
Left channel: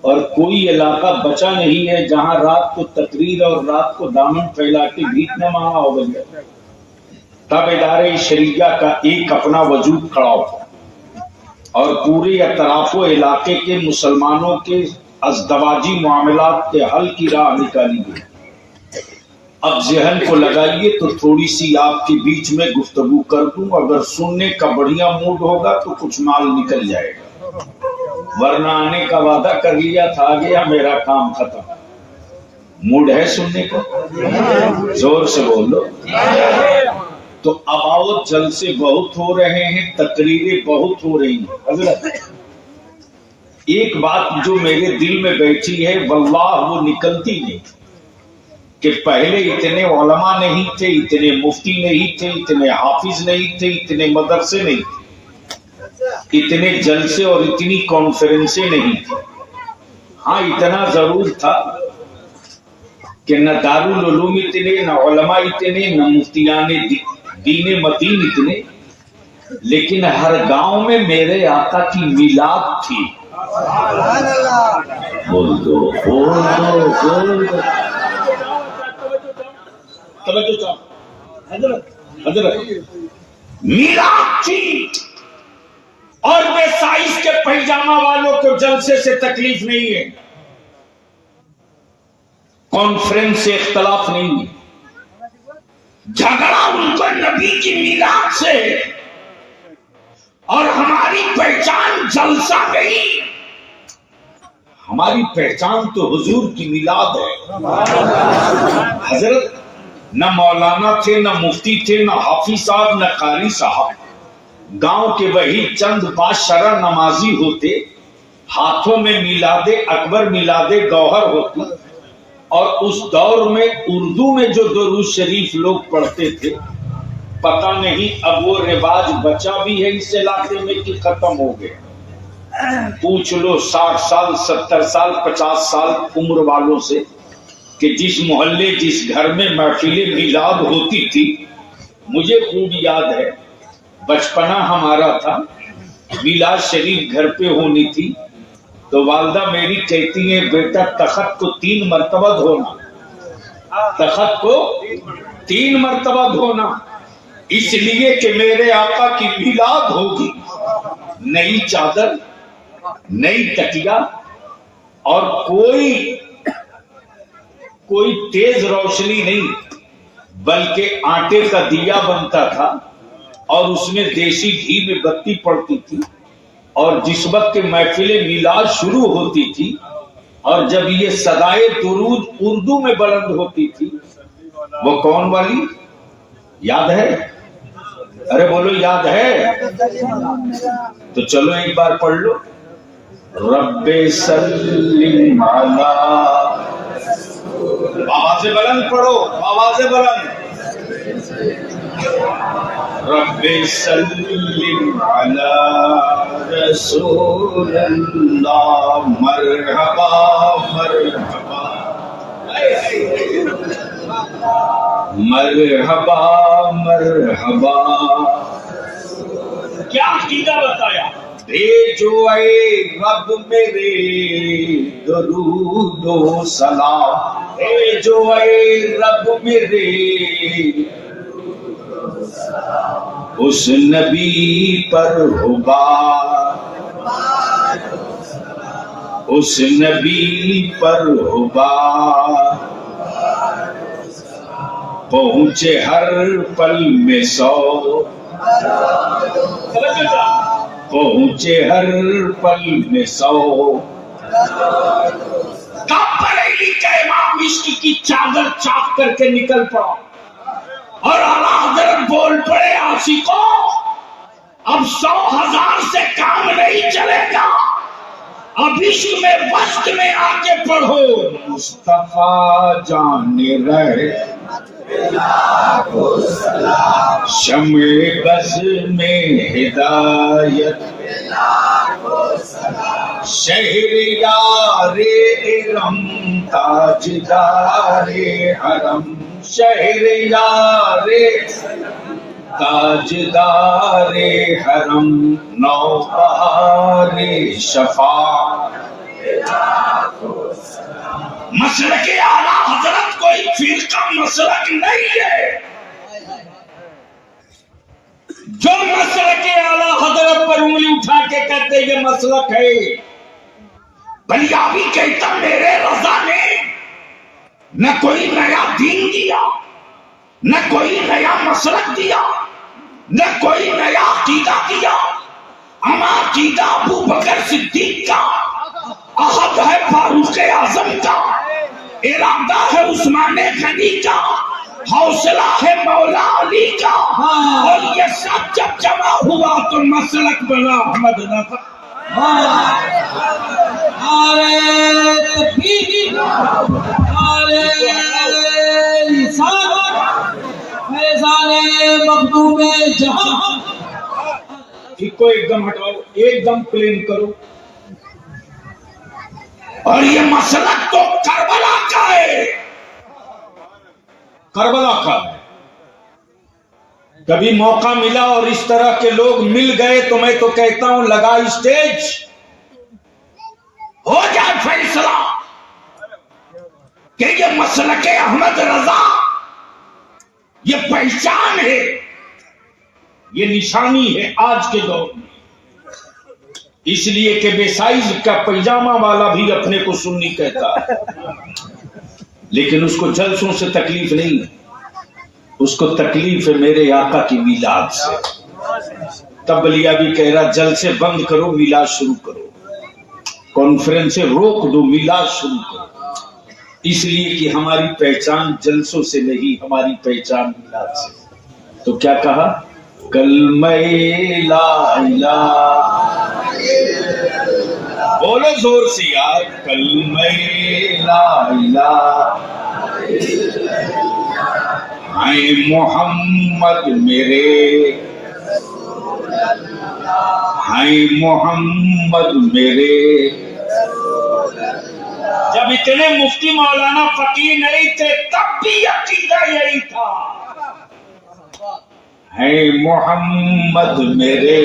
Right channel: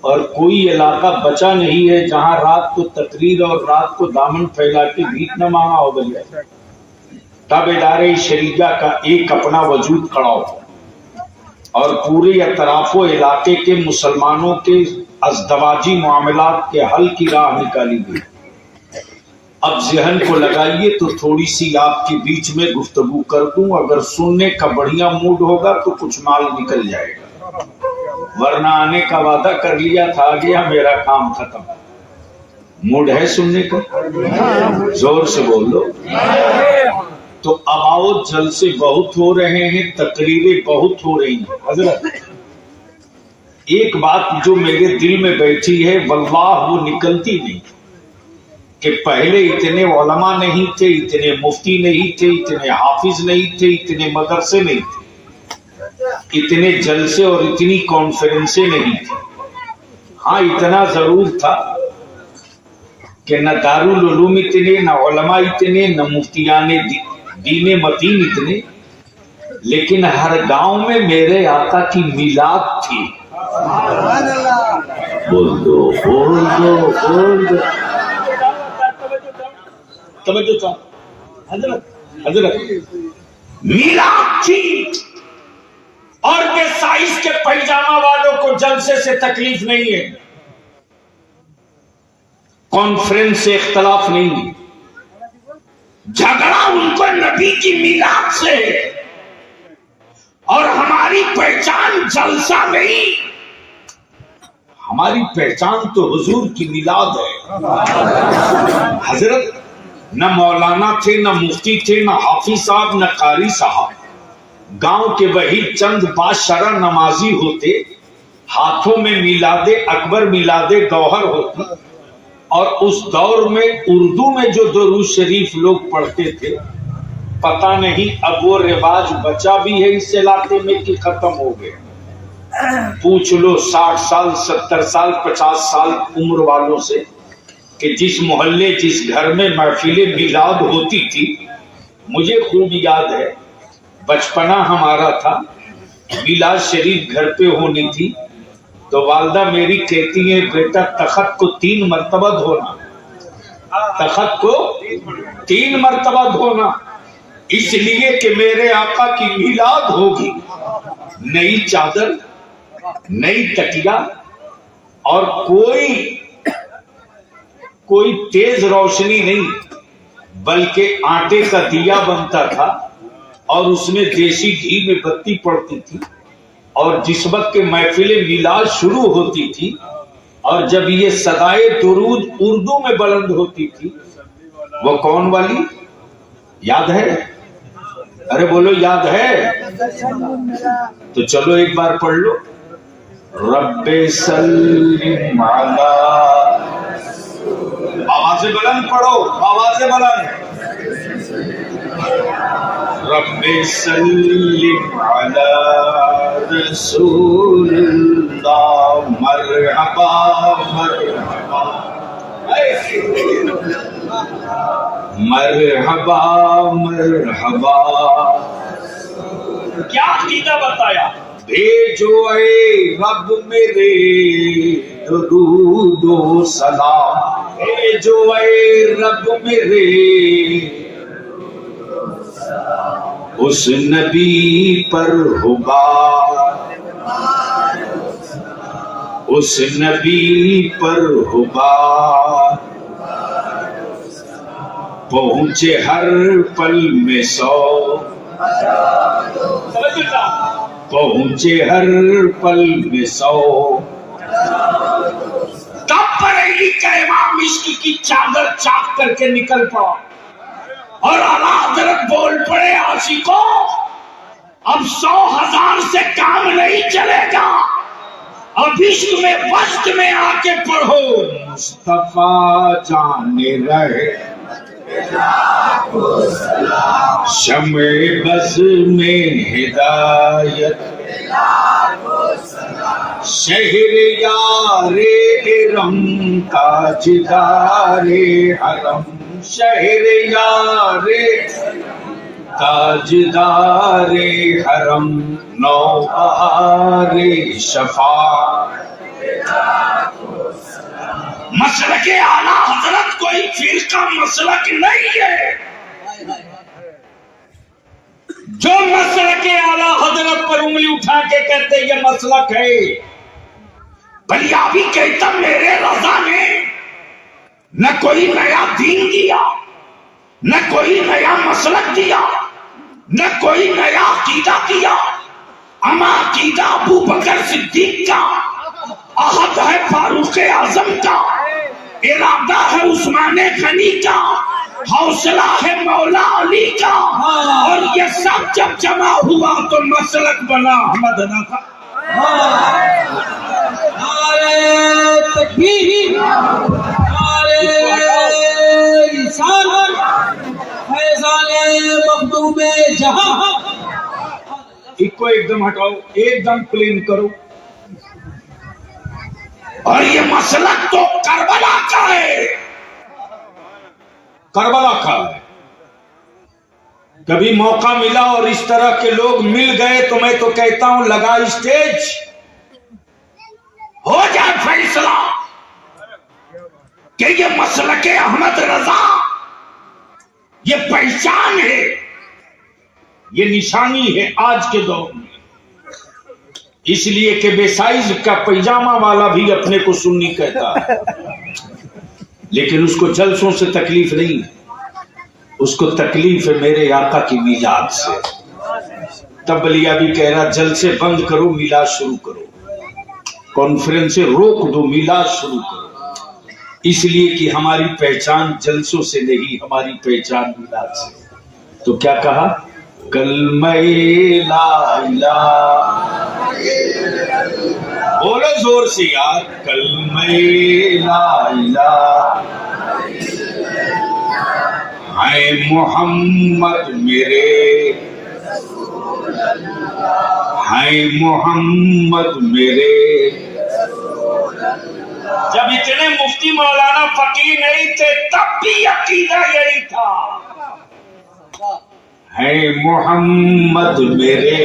اور کوئی علاقہ بچا نہیں ہے جہاں رات کو تقریر اور رات کو دامن پھیلا کے بھیک نہ مانگا ہو گیا۔ تب ادارے شریعہ کا ایک اپنا وجود کھڑا ہوا اور پورے اطراف و علاقے کے مسلمانوں کے ازدواجی معاملات کے حل کی راہ نکالی گئی۔ اب ذہن کو لگائیے تو تھوڑی سی آپ کے بیچ میں گفتگو کر دوں، اگر سننے کا بڑھیا موڈ ہوگا تو کچھ مال نکل جائے گا، ورنہ آنے کا وعدہ کر لیا تھا آ گیا میرا کام ختم۔ موڈ ہے سننے کا؟ زور سے بولو۔ تو اب آؤ، جلسے بہت ہو رہے ہیں، تقریریں بہت ہو رہی ہیں۔ حضرت ایک بات جو میرے دل میں بیٹھی ہے واللہ وہ نکلتی نہیں کہ پہلے اتنے علماء نہیں تھے، اتنے مفتی نہیں تھے، اتنے حافظ نہیں تھے، اتنے مدرسے نہیں تھے، اتنے جلسے اور اتنی کانفرنسیں نہیں تھی۔ ہاں اتنا ضرور تھا کہ نہ دارالعلوم اتنے، نہ علماء اتنے، نہ مفتیان دین متین اتنے، لیکن ہر گاؤں میں میرے آقا کی میلاد تھی۔ بول دو بول دو بول دو، توجہ چاہو حضرت میلاد تھی، اور بے سائز کے پیجامہ والوں کو جلسے سے تکلیف نہیں ہے، کانفرنس سے اختلاف نہیں، جھگڑا ان کو نبی کی میلاد سے ہے، اور ہماری پہچان جلسہ نہیں، ہماری پہچان تو حضور کی میلاد ہے۔ حضرت نہ مولانا تھے، نہ مفتی تھے، نہ حافظ صاحب، نہ قاری صاحب، گاؤں کے وہی چند باشرہ نمازی ہوتے، ہاتھوں میں میلاد اکبر میلاد گوہر ہوتی، اور اس دور میں اردو میں جو درود شریف لوگ پڑھتے تھے، پتہ نہیں اب وہ رواج بچا بھی ہے اس علاقے میں کہ ختم ہو گئے۔ پوچھ لو 60 سال 70 سال 50 سال عمر والوں سے کہ جس محلے جس گھر میں محفل میلاد ہوتی تھی، مجھے خوب یاد ہے بچپنا ہمارا تھا، میلاد شریف گھر پہ ہونی تھی تو والدہ میری کہتی ہیں بیٹا تخت کو 3 مرتبہ دھونا، تخت کو 3 مرتبہ دھونا، اس لیے کہ میرے آقا کی میلاد ہوگی۔ نئی چادر، نئی تکیا، اور کوئی تیز روشنی نہیں، بلکہ آٹے کا دیا بنتا تھا، اور اس میں دیسی گھی میں بتی پڑتی تھی، اور جس وقت کے محفل میلاد شروع ہوتی تھی اور جب یہ صدائے درود اردو میں بلند ہوتی تھی، وہ کون والی یاد ہے؟ ارے بولو یاد ہے؟ تو چلو ایک بار پڑھ لو، رب سلم علی، آواز بلند پڑھو، آواز بلند، رب سلم علی رسول اللہ، مرحبا مرحبا مرحبا مرحبا۔ کیا عقیدہ بتایا؟ بھیجو اے رب میرے درود و سلام، بھیجو اے رب میرے اس نبی پر ہبار، اس نبی پر ہبار، پہنچے ہر پل میں سو، پہنچے ہر پل میں سو۔ تب بریلی کا امام عشق کی چادر چاک کر کے نکل پڑا اور اعلیٰ حضرت بول پڑے، عاشقوں اب 100,000 سے کام نہیں چلے گا، اب عشق میں وسط میں آ کے پڑھو، مصطفیٰ جان رہے شمع بز میں ہدایت، شہر یار ارم تاجدار حرم، شہر یار تاجدار حرم، نوبہار شفا۔ مسلک اعلیٰ حضرت کوئی فرقہ مسلک نہیں ہے، جو مسلک اعلیٰ حضرت پر انگلی اٹھا کے کہتے یہ مسلک ہے، بلیابی کہتا میرے رضا نے نہ کوئی نیا دین دیا، نہ کوئی نیا مسلک دیا، نہ کوئی نیا عقیدہ دیا، اما عقیدہ ابو بکر صدیق کا، عہد ہے فاروق اعظم کا، ارادہ ہے عثمان غنی کا، حوصلہ ہے مولا علی کا، اور یہ سب جب جمع ہوا تو مسلک بنا احمد نفع۔ نعرہ تکبیر، نعرہ رسالت، فیضان مخدوم جہاں۔ ایک کو ایک دم ہٹاؤ، ایک دم پلین کرو۔ اور یہ مسلک تو کربلا کا ہے، کربلا کا ہے۔ کبھی موقع ملا اور اس طرح کے لوگ مل گئے تو میں تو کہتا ہوں لگا اسٹیج، ہو جائے فیصلہ کہ یہ مسلک احمد رضا یہ پہچان ہے، یہ نشانی ہے آج کے دور میں، اس لیے کہ بے سائز کا پیجامہ والا بھی اپنے کو سنی کہتا ہے، لیکن اس کو جلسوں سے تکلیف نہیں ہے، اس کو تکلیف ہے میرے آقا کی میلاد سے۔ تب بلیابی کہہ رہا جلسے بند کرو، میلاد شروع کرو، کانفرنسیں روک دو، میلاد شروع کرو، اس لیے کہ ہماری پہچان جلسوں سے نہیں، ہماری پہچان میلاد سے۔ تو کیا کہا؟ کلمہ لا الہ، بولو زور سے یار، کلمہ لا الہ ہے محمد میرے، ہے محمد میرے۔ جب اتنے مفتی مولانا فقیر نہیں تھے تب بھی عقیدہ یہی تھا، ہے محمد میرے،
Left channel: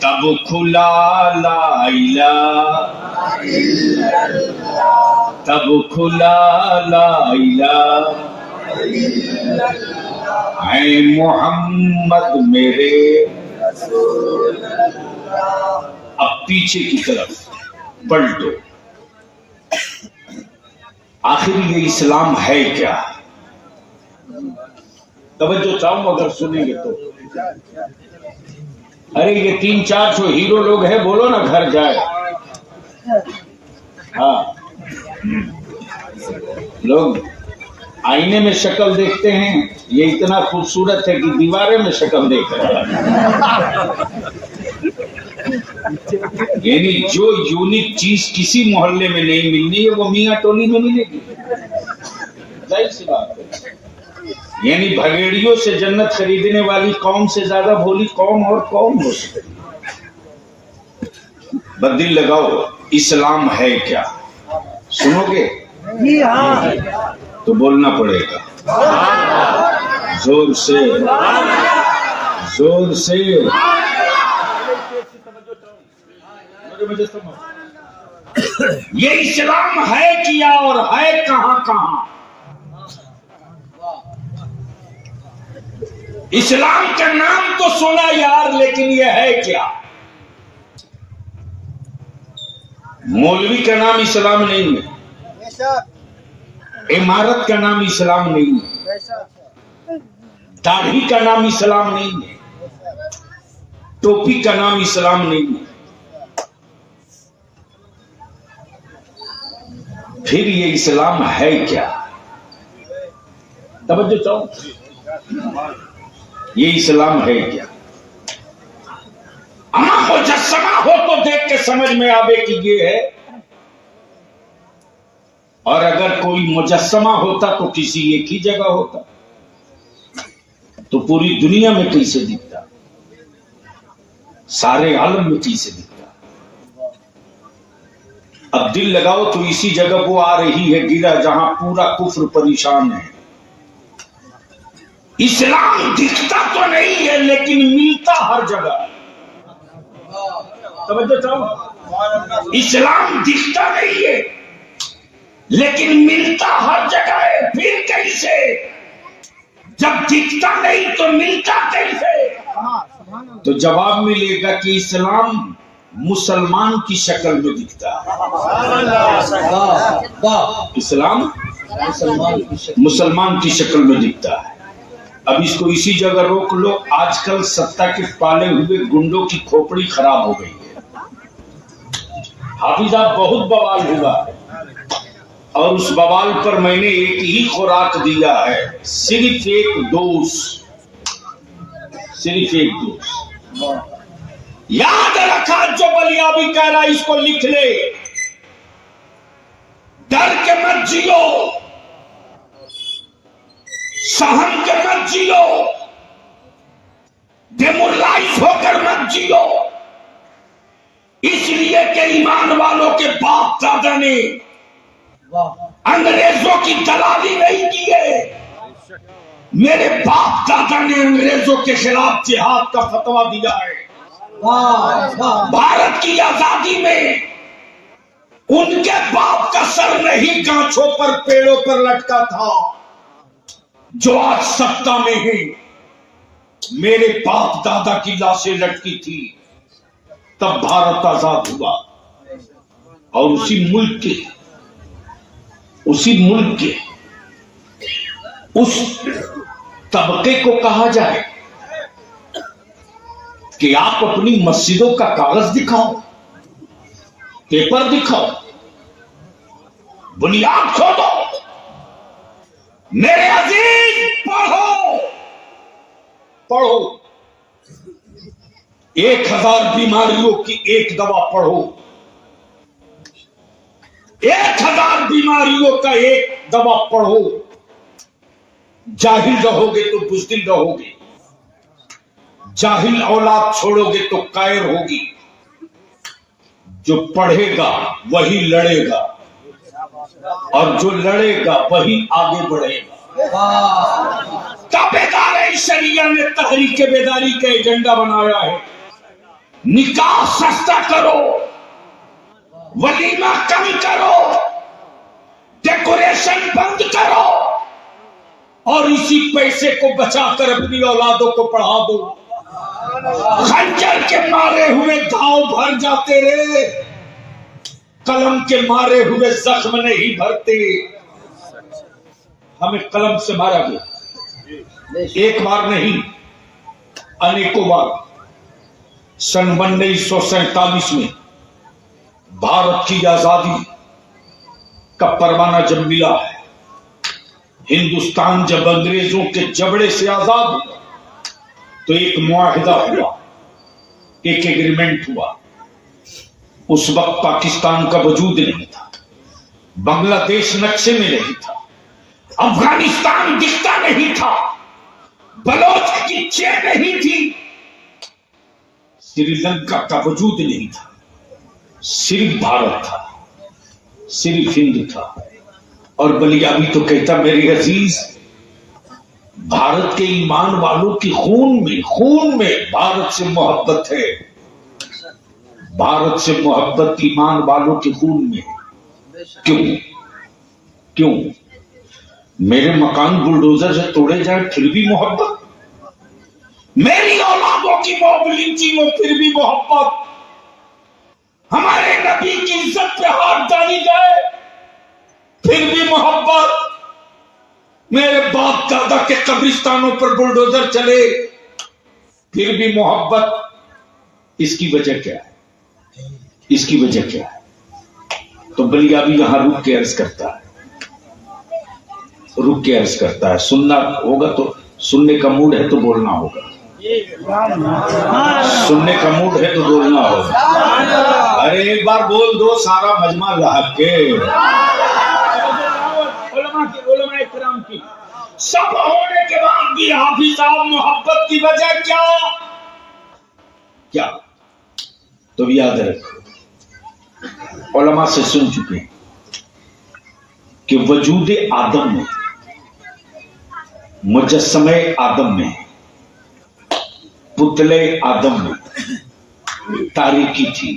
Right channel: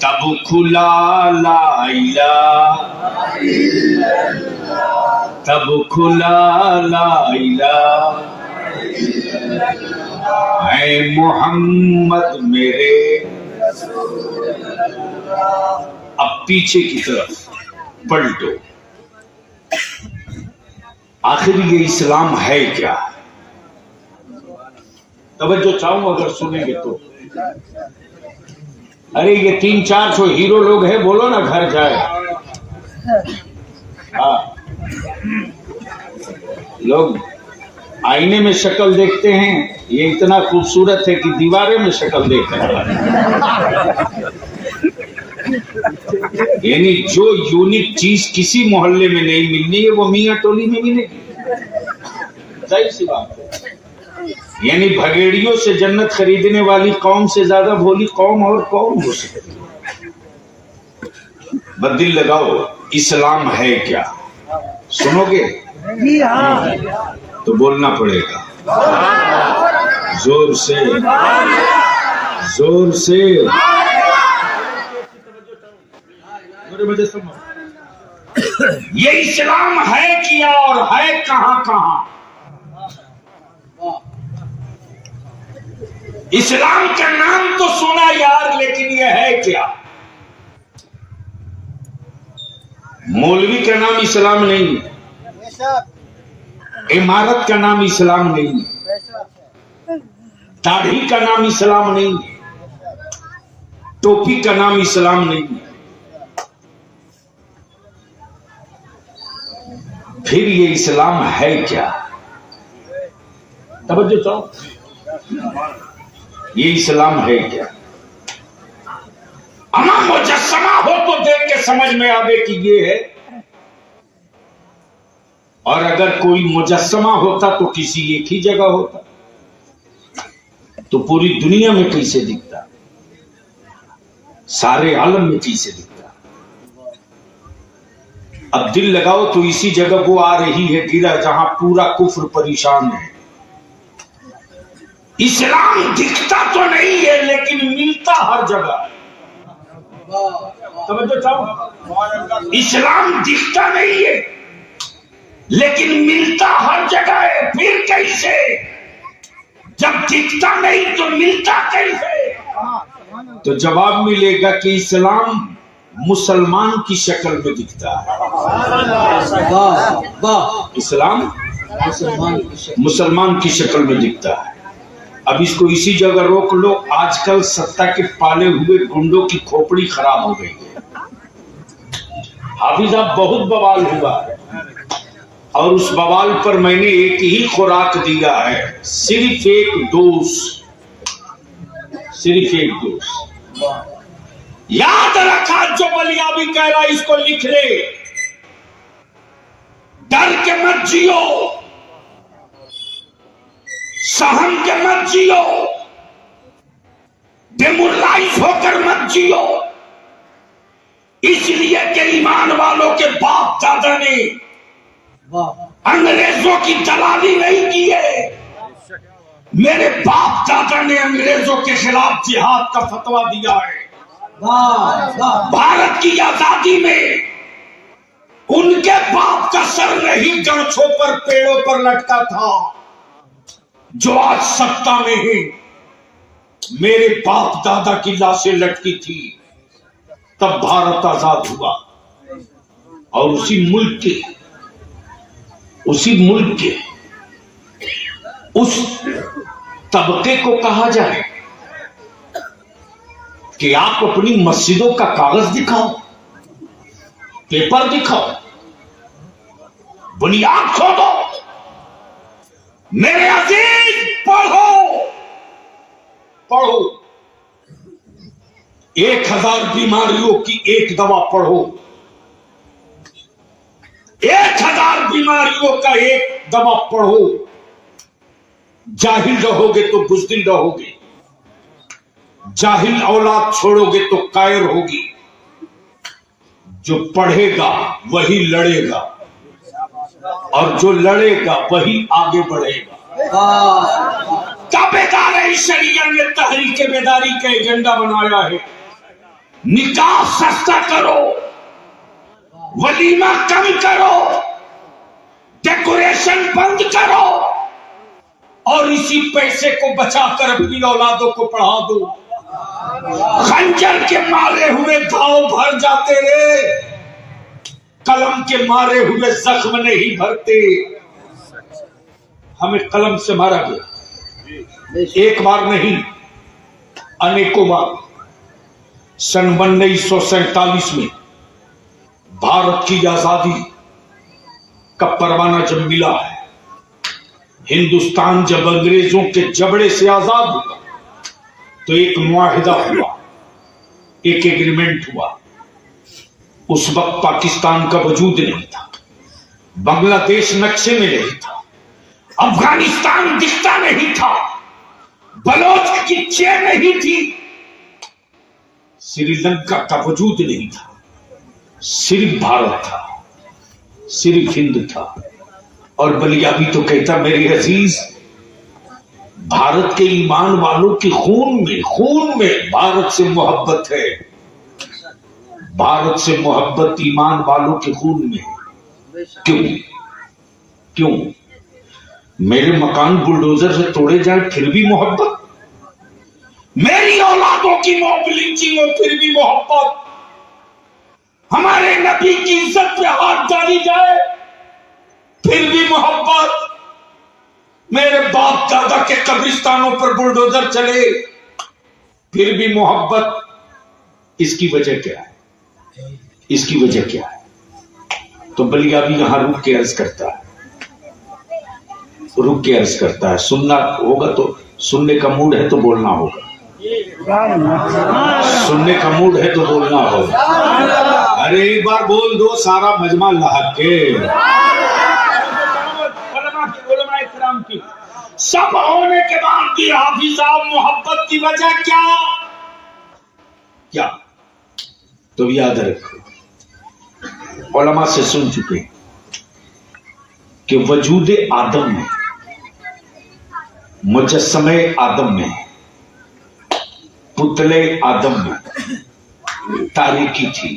تب کھلا لا الہ، تب کھلا لا الہ، ہے محمد میرے۔ اب پیچھے کی طرف پلٹو، آخر یہ اسلام ہے کیا؟ توجہ چاہوں اگر سنیں گے تو. ارے یہ 300-400 ہیرو لوگ ہیں, بولو نا گھر جائے. ہاں لوگ آئینے میں شکل دیکھتے ہیں, یہ اتنا خوبصورت ہے کہ دیوارے میں شکل دیکھ رہا ہے. یعنی جو یونیک چیز کسی محلے میں نہیں ملنی ہے وہ میاں ٹولی میں ملے گی. ظاہر سی بات ہے. یعنی بھگیڑیوں سے جنت خریدنے والی قوم سے زیادہ بھولی قوم اور قوم ہو سکتی. بدل لگاؤ, اسلام ہے کیا سنو گے تو بولنا پڑے گا زور سے, زور سے. یہ اسلام ہے کیا اور ہے کہاں کہاں. اسلام کا نام تو سنا یار, لیکن یہ ہے کیا. مولوی کا نام اسلام نہیں ہے, عمارت کا نام اسلام نہیں ہے, داڑھی کا نام اسلام نہیں ہے, ٹوپی کا نام اسلام نہیں ہے. پھر یہ اسلام ہے کیا؟ توجہ چاہو, یہ اسلام ہے کیا؟ مجسمہ ہو تو دیکھ کے سمجھ میں آوے کہ یہ ہے, اور اگر کوئی مجسمہ ہوتا تو کسی ایک ہی جگہ ہوتا, تو پوری دنیا میں کیسے دکھتا, سارے عالم میں کیسے دکھتا. اب دل لگاؤ تو اسی جگہ وہ آ رہی ہے گرا جہاں پورا کفر پریشان ہے. اسلام دکھتا تو نہیں ہے لیکن ملتا ہر جگہ. توجہ چاہو, اسلام دکھتا نہیں ہے لیکن ملتا ہر جگہ ہے. پھر کیسے؟ جب دکھتا نہیں تو ملتا کیسے؟ تو جواب ملے گا کہ اسلام مسلمان کی شکل میں دکھتا ہے. اسلام مسلمان کی شکل میں دکھتا ہے. اب اس کو اسی جگہ روک لو. آج کل ستا کے پالے ہوئے گنڈوں کی کھوپڑی خراب ہو گئی ہے. حافظ صاحب بہت بوال ہوا ہے, اور اس بوال پر میں نے ایک ہی خوراک دیا ہے, صرف ایک ڈوز, صرف ایک ڈوز. یاد رکھا جو بلیابی کہہ رہا اس کو لکھ لے. ڈر کے مت جیو, سہم کے مت جیو, ڈیمورلائز ہو کر مت جیو. اس لیے کہ ایمان والوں کے باپ دادا نے انگریزوں کی دلالی نہیں کی ہے. میرے باپ دادا نے انگریزوں کے خلاف جہاد کا فتویٰ دیا ہے. بھارت کی آزادی میں ان کے باپ کا سر نہیں گانچوں پر پیڑوں پر لٹکا تھا جو آج سکتا میں ہے. میرے باپ دادا کی لاشیں لٹکی تھی تب بھارت آزاد ہوا. اور اسی ملک کے اس طبقے کو کہا جائے کہ آپ اپنی مسجدوں کا کاغذ دکھاؤ, پیپر دکھاؤ, بنیاد کھودو. میرے عزیز پڑھو, پڑھو. 1000 بیماریوں کی ایک دوا پڑھو. 1000 بیماریوں کا ایک دوا پڑھو. جاہل رہو گے تو بزدل رہو گے, جاہل اولاد چھوڑو گے تو قائر ہوگی. جو پڑھے گا وہی لڑے گا, اور جو لڑے گا وہی آگے بڑھے گا. تابعدار شریعت نے تحریک بیداری کا ایجنڈا بنایا ہے. نکاح سستا کرو, ولیمہ کم کرو, ڈیکوریشن بند کرو, اور اسی پیسے کو بچا کر اپنی اولادوں کو پڑھا دو. خنجر کے مارے ہوئے گھاؤ بھر جاتے رہے, قلم کے مارے ہوئے زخم نہیں بھرتے. ہمیں قلم سے مارا گیا, ایک بار نہیں انیکوں بار سن 1947 میں بھارت کی آزادی کا پروانہ جب ملا ہے، ہندوستان جب انگریزوں کے جبڑے سے آزاد ہوا تو ایک معاہدہ ہوا، ایک ایگریمنٹ ہوا۔ اس وقت پاکستان کا وجود نہیں تھا، بنگلہ دیش نقشے میں نہیں تھا، افغانستان دکھتا نہیں تھا، بلوچ کی چین نہیں تھی، سری لنکا کا وجود نہیں تھا، صرف بھارت تھا، صرف ہند تھا۔ اور بلیابی تو کہتا میری عزیز بھارت کے ایمان والوں کی خون میں بھارت سے محبت ہے، بھارت سے محبت ایمان والوں کے خون میں۔ کیوں میرے مکان بلڈوزر سے توڑے جائیں پھر بھی محبت، میری اولادوں کی موب لنچنگ ہو پھر بھی محبت، ہمارے نبی کی عزت پہ ہاتھ ڈالی جائے پھر بھی محبت، میرے باپ دادا کے قبرستانوں پر بلڈوزر چلے پھر بھی محبت۔ اس کی وجہ کیا ہے؟ اس کی وجہ کیا ہے؟ تو بلیابی یہاں رک کے عرض کرتا ہے، سننا ہوگا تو سننے کا موڈ ہے تو بولنا ہوگا، سننے کا موڈ ہے تو بولنا ہوگا۔ ارے ایک بار بول دو سارا مجمع لحق کے، علماء کرام کی سب ہونے کے بعد بھی حافظ صاحب محبت کی وجہ کیا؟ تو یاد رکھو علماء سے سن چکے کہ وجود آدم میں، مجسمہ آدم میں، پتلے آدم میں تاریکی تھی،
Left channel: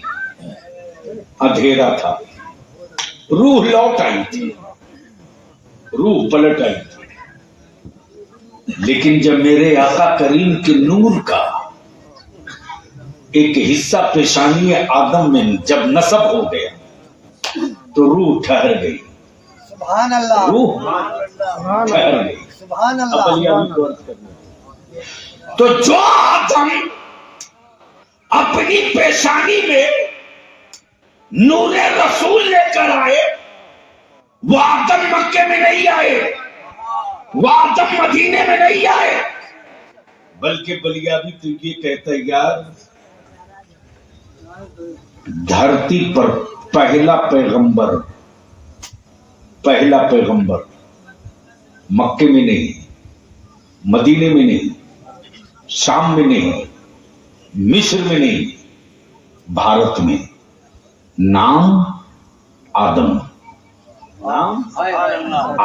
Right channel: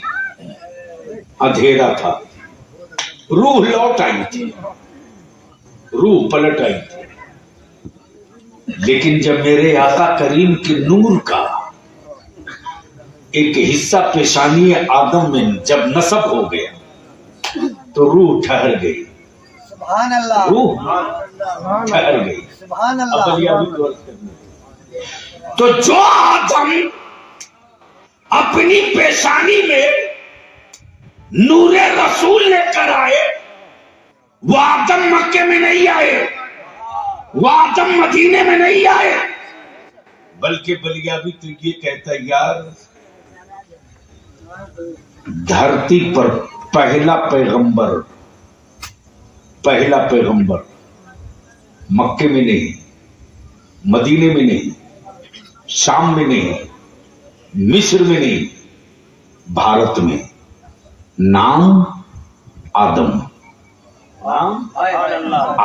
اندھیرا تھا، روح لوٹ آئی تھی، روح پلٹ آئی تھی، لیکن جب میرے آقا کریم کے نور کا ایک حصہ پیشانی آدم میں جب نصب ہو گیا تو روح ٹھہر گئی، سبحان اللہ، روح ٹھہر گئی۔ سبحان اللہ۔ تو جو آدم اپنی پیشانی میں نور رسول لے کر آئے وہ آدم مکے میں نہیں آئے، وہ آدم مدینے میں نہیں آئے، بلکہ بلیابی تو یہ کہتا ہے یار دھرتی پر پہلا پیغمبر مکے میں نہیں، مدینے میں نہیں، شام میں نہیں، مصر میں نہیں، بھارت میں، نام آدم،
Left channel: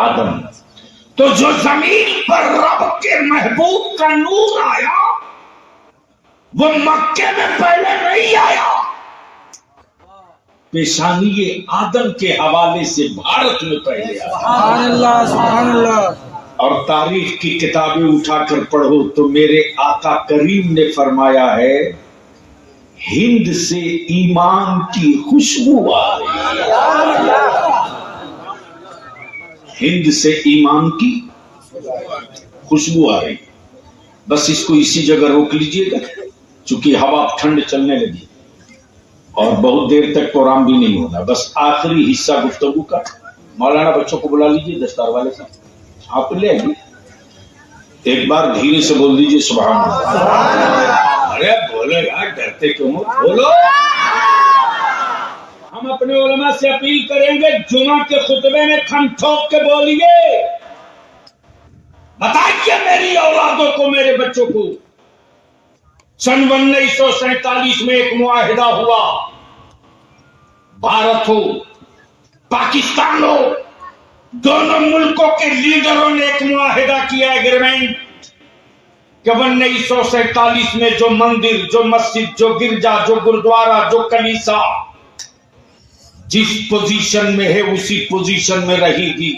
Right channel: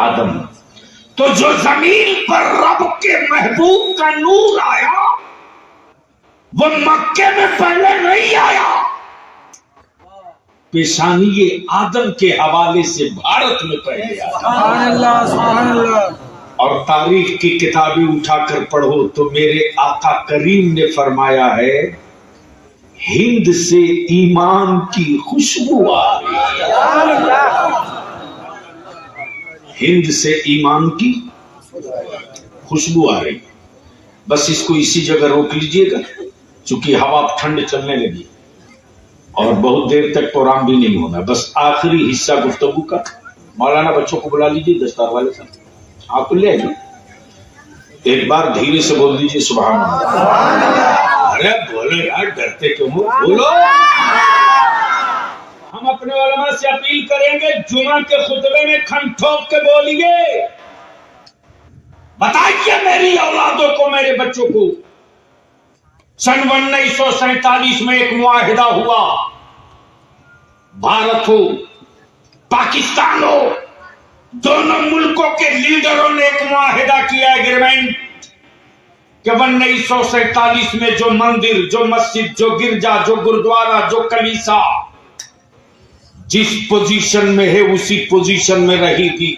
آدم۔ تو جو زمین پر رب کے محبوب کا نور آیا وہ مکے میں پہلے نہیں آیا، پیشانی آدم کے حوالے سے بھارت میں پہلے آیا۔ سبحان اللہ، سبحان اللہ۔ اور تاریخ کی کتابیں اٹھا کر پڑھو تو میرے آقا کریم نے فرمایا ہے ہند سے ایمان کی خوشبو آ رہی ہے، ہند سے ایمان کی خوشبو آ رہی ہے۔ بس اس کو اسی جگہ روک لیجئے گا چونکہ ہوا ٹھنڈ چلنے لگی اور بہت دیر تک پروگرام بھی نہیں ہوگا، بس آخری حصہ گفتگو کا۔ مولانا بچوں کو بلا لیجئے، دستار والے صاحب آپ لے آئیے، ایک بار دھیرے سے بول دیجئے سبحان اللہ۔ ارے بولو یار، ڈرتے کیوں ہو؟ بولو۔ ہم اپنے علماء سے اپیل کریں گے جمعہ کے خطبے میں کھم ٹھوک کے بولیے، بتائیے میری اولادوں کو، میرے بچوں کو سن 1947 میں ایک معاہدہ ہوا، بھارت ہو پاکستان ہو دونوں ملکوں کے لیڈروں نے ایک معاہدہ کیا، ایگریمنٹ، کہ 1947 میں جو مندر، جو مسجد، جو گرجا، جو گردوارہ، جو کلیسا جس پوزیشن میں ہے اسی پوزیشن میں رہے گی،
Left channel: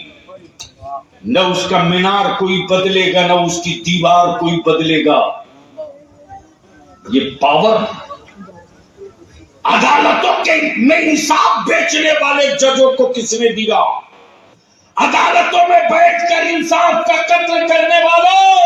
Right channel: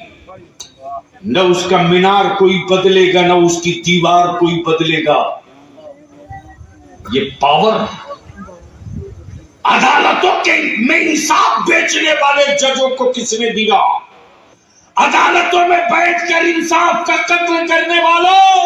نہ اس کا مینار کوئی بدلے گا، نہ اس کی دیوار کوئی بدلے گا۔ یہ پاور عدالتوں کے میں انصاف بیچنے والے ججوں کو کس نے دیا؟ عدالتوں میں بیٹھ کر انصاف کا قتل کرنے والوں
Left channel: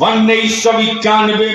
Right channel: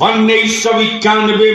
1991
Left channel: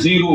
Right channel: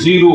0।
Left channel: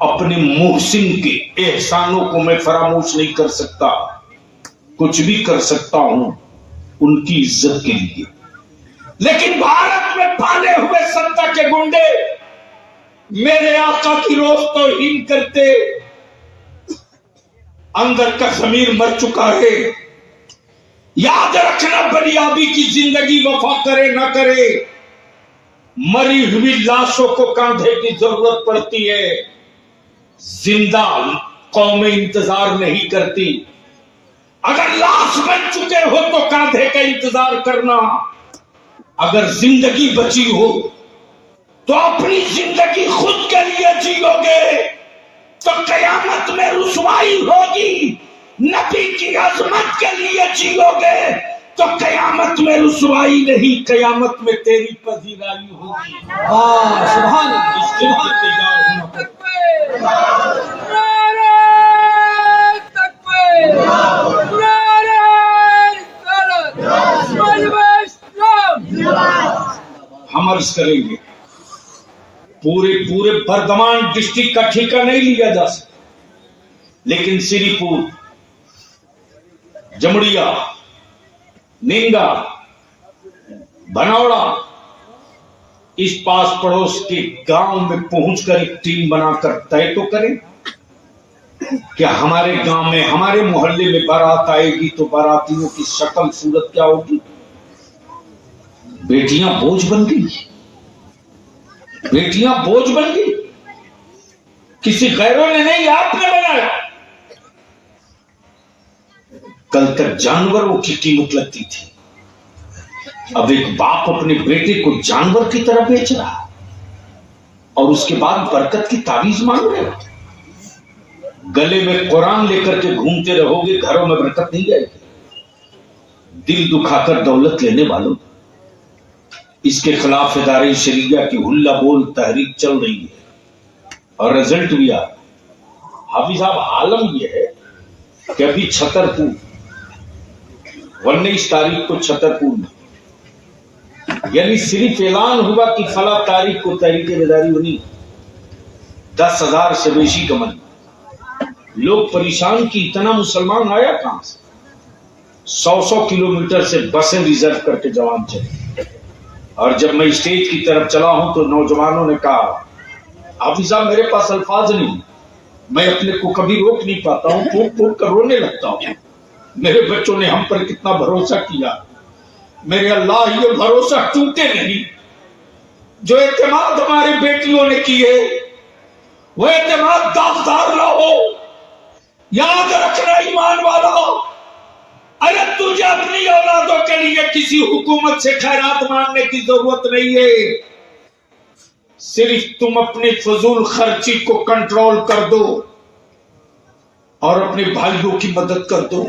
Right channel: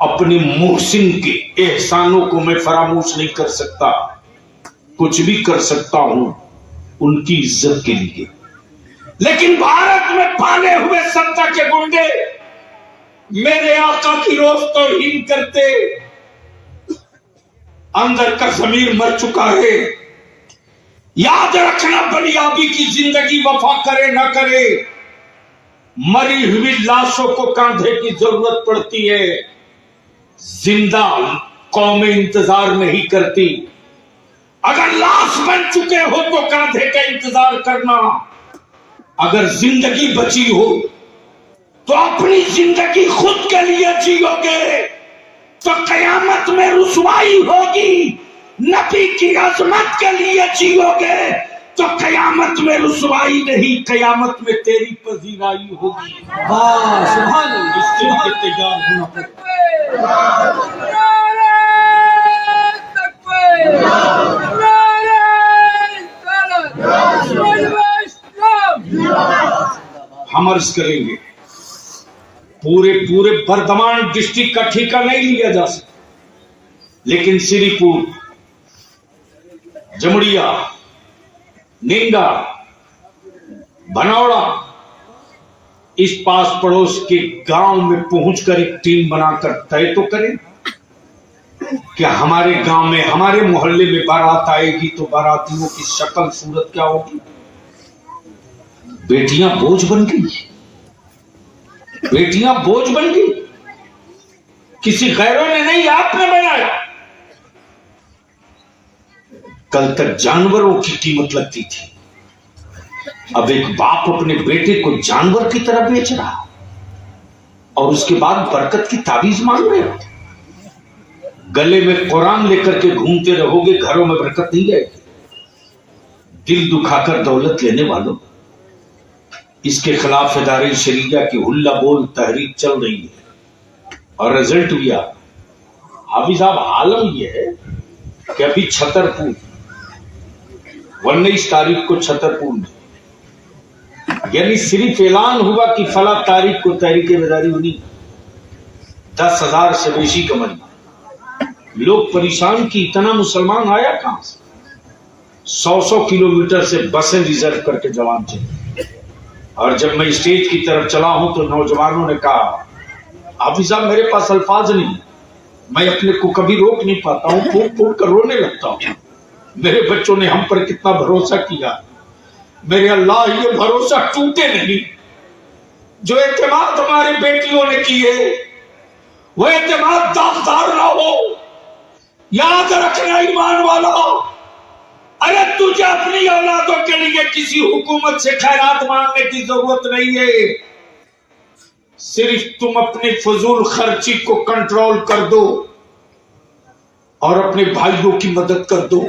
اپنے محسن کے احسانوں کو میں فراموش نہیں کر سکتا، کچھ بھی کر سکتا ہوں ان کی عزت کے لیے، لیکن بھارت میں پالے ہوئے سنتا کے گنڈے میرے آقا کی روز توہین کرتے، اندر کا ضمیر مر چکا ہے۔ یاد رکھنا، بنیادی کی زندگی وفا کرے نہ کرے، مری ہوئی لاشوں کو کاندھے کی ضرورت پڑتی ہے، زندہ قومیں انتظار نہیں کرتی۔ اگر لاش بن چکے ہو تو کاندھے کا انتظار کرنا، اگر زندگی بچی ہو تو اپنی زندگی خود کے لیے جیو گے تو قیامت میں رسوائی ہوگی، نبی کی عظمت کے لیے جیو گے تو قیامت میں رسوائی نہیں، قیامت میں تیری پذیرائی ہوگی۔ سبحان اللہ، اس دن کے تیار ہونا۔ ہم عرض کریں گے پورے بردمان ڈسٹرکٹ کا ٹھیکہ نہیں لیا جا سکتا، لیکن سری پور، جمڑیا، ننگا، بھنوڑا، اس پاس پڑوس کے گاؤں میں پہنچ کر ایک ٹیم بنا کر طے تو کریں کہ ہمارے گاؤں میں، ہمارے محلے میں بارات آئے گی تو باراتیوں کی شکل صورت کیا ہوگی۔ بیٹیاں بوجھ بن گئی، بیٹیاں بوجھ بن گئی، کسی غیروں نے نہیں، آپ نے بنایا۔ کل تک جانوروں کی قیمت لگتی تھی، اب ایک باپ اپنے بیٹے کو جانور کی طرح بیچ رہا اور اس کے بعد برکت کی تعویذ مانگ رہے ہو۔ گلے میں قرآن لے کر کے گھومتے رہو گے، گھروں میں برکت نہیں جائے گی۔ دل دکھا کر دولت لینے والوں، اس کے خلاف ادارے شریعہ کی ہلا بول تحریک چل رہی ہے اور رزلٹ بھی آ رہا۔ حافظ صاحب، عالم یہ ہے کہ ابھی چھترپور 19 تاریخ کو چھترپور میں، یعنی صرف اعلان ہوا کہ فلاں تاریخ کو تحریک بیداری ہونی، 10,000 سے بیشی کا مجمع، لوگ پریشان کی اتنا مسلمان آیا کہاں سے؟ 100 کلومیٹر سے بسیں ریزرو کر کے جوان چلے، اور جب میں اسٹیج کی طرف چلا ہوں تو نوجوانوں نے کہا، حافظ صاحب میرے پاس الفاظ نہیں، میں اپنے کو کبھی روک نہیں پاتا ہوں، پھوٹ پھوٹ کر رونے لگتا ہوں۔ میرے بچوں نے ہم پر کتنا بھروسہ کیا، میرے اللہ یہ بھروسہ ٹوٹے نہیں۔ جو اعتماد ہماری بیٹیوں نے کیے وہ اعتماد داغدار نہ ہو۔ یاد رکھنا ایمان والا، ارے تجھے اپنی اولادوں کے لیے کسی حکومت سے خیرات مانگنے کی ضرورت نہیں ہے، صرف تم اپنی فضول خرچی کو کنٹرول کر دو اور اپنے بھائیوں کی مدد کر دو۔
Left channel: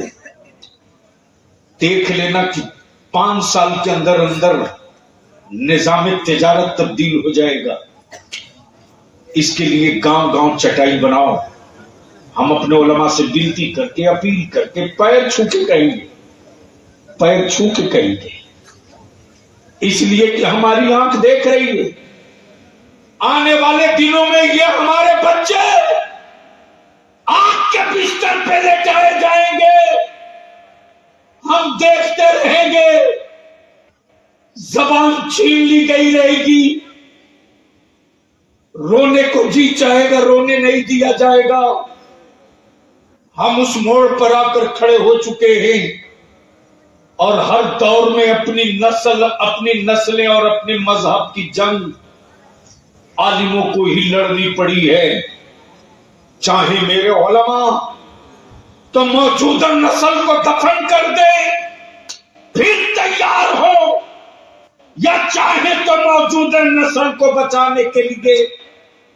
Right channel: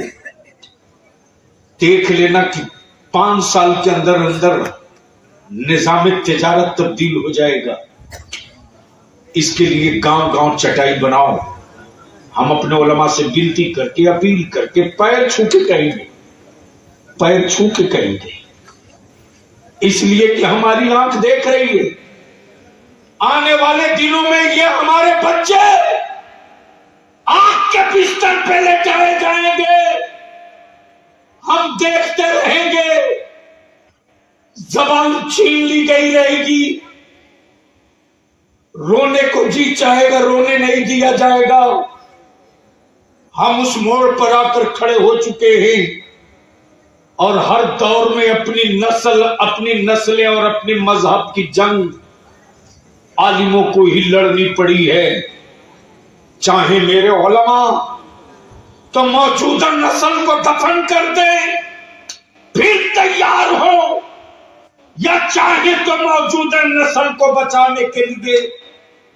دیکھ لینا کہ 5 سال کے اندر اندر نظام تجارت تبدیل ہو جائے گا۔ اس کے لیے گاؤں گاؤں چٹائی بناؤ، ہم اپنے علماء سے بنتی کر کے، اپیل کر کے، پیر چھو کے کہیں گے، پیر چھو کے کہیں گے، اس لیے کہ ہماری آنکھ دیکھ رہی ہے، آنے والے دنوں میں یہ ہمارے بچے آنکھ کے بستر پہ لے جائے جائیں گے، ہم دیکھتے رہیں گے، زبان چھین لی گئی رہے گی، رونے کو جی چاہے گا، رونے نہیں دیا جائے گا۔ ہم اس موڑ پر آ کر کھڑے ہو چکے ہیں اور ہر دور میں اپنی نسل، اپنی نسلیں اور اپنے مذہب کی جنگ عالموں کو ہی لڑنی پڑی ہے۔ چاہے میرے علماء تو موجودہ نسل کو دفن کر دے پھر تیار ہو، یا چاہے تو موجودہ نسل کو بچانے کے لیے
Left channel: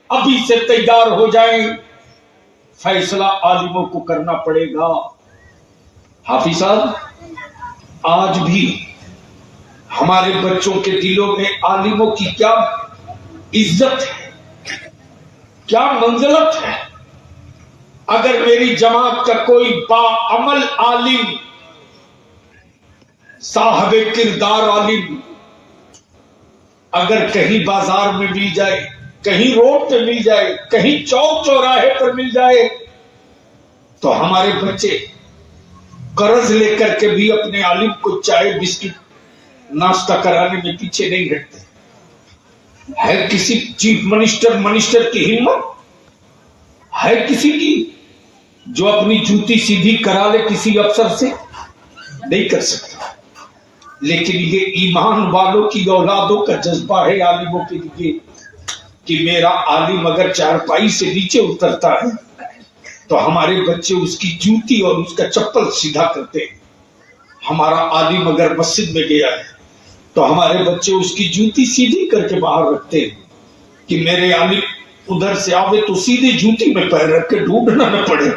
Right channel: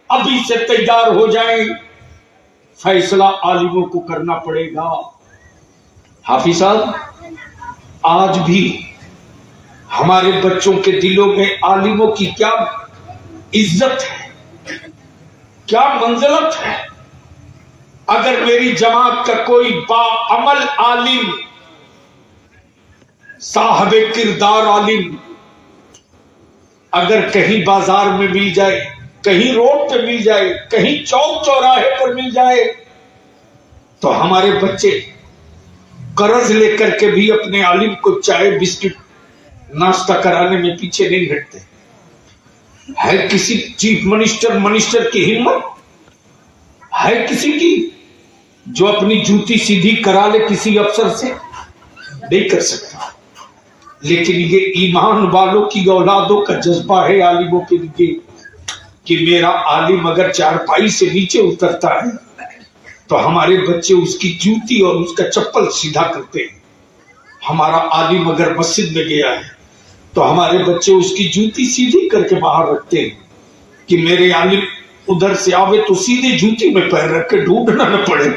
ابھی سے تیار ہو جائیں، فیصلہ عالموں کو کرنا پڑے گا۔ حافظ صاحب، آج بھی ہمارے بچوں کے دلوں میں عالموں کی کیا عزت ہے، کیا منزلت ہے۔ اگر میری جماعت کا کوئی باعمل عالم، صاحب کردار عالم اگر کہیں بازار میں مل جائے، کہیں روڈ پہ مل جائے, کہیں چوک چوراہے پر مل جائے, تو ہمارے بچے قرض لے کر کے بھی اپنے عالم کو چائے بسکٹ ناشتہ کرانے میں پیچھے نہیں ہٹتے. ہے کسی چیف منسٹر کی ہمت؟ ہے کسی کی جو اپنی جوتی سیدھی کرا لے کسی افسر سے؟ نہیں کر سکتا. لیکن یہ ایمان والوں کی اولادوں کا جذبہ ہے عالموں کے لیے کہ میرا عالم اگر چارپائی سے نیچے اترتا ہے تو ہمارے بچے اس کی جوتی اور اس کا چپل سیدھا کرتے ہیں. ہمارا عالم اگر مسجد میں گیا ہے تو ہمارے بچے اس کی جوتی سیدھی کر کے باہر رکھتے ہیں کہ میرے عالم ادھر سے آوے تو سیدھی جوتی میں پیر رکھ کے ڈھونڈنا نہ پڑے.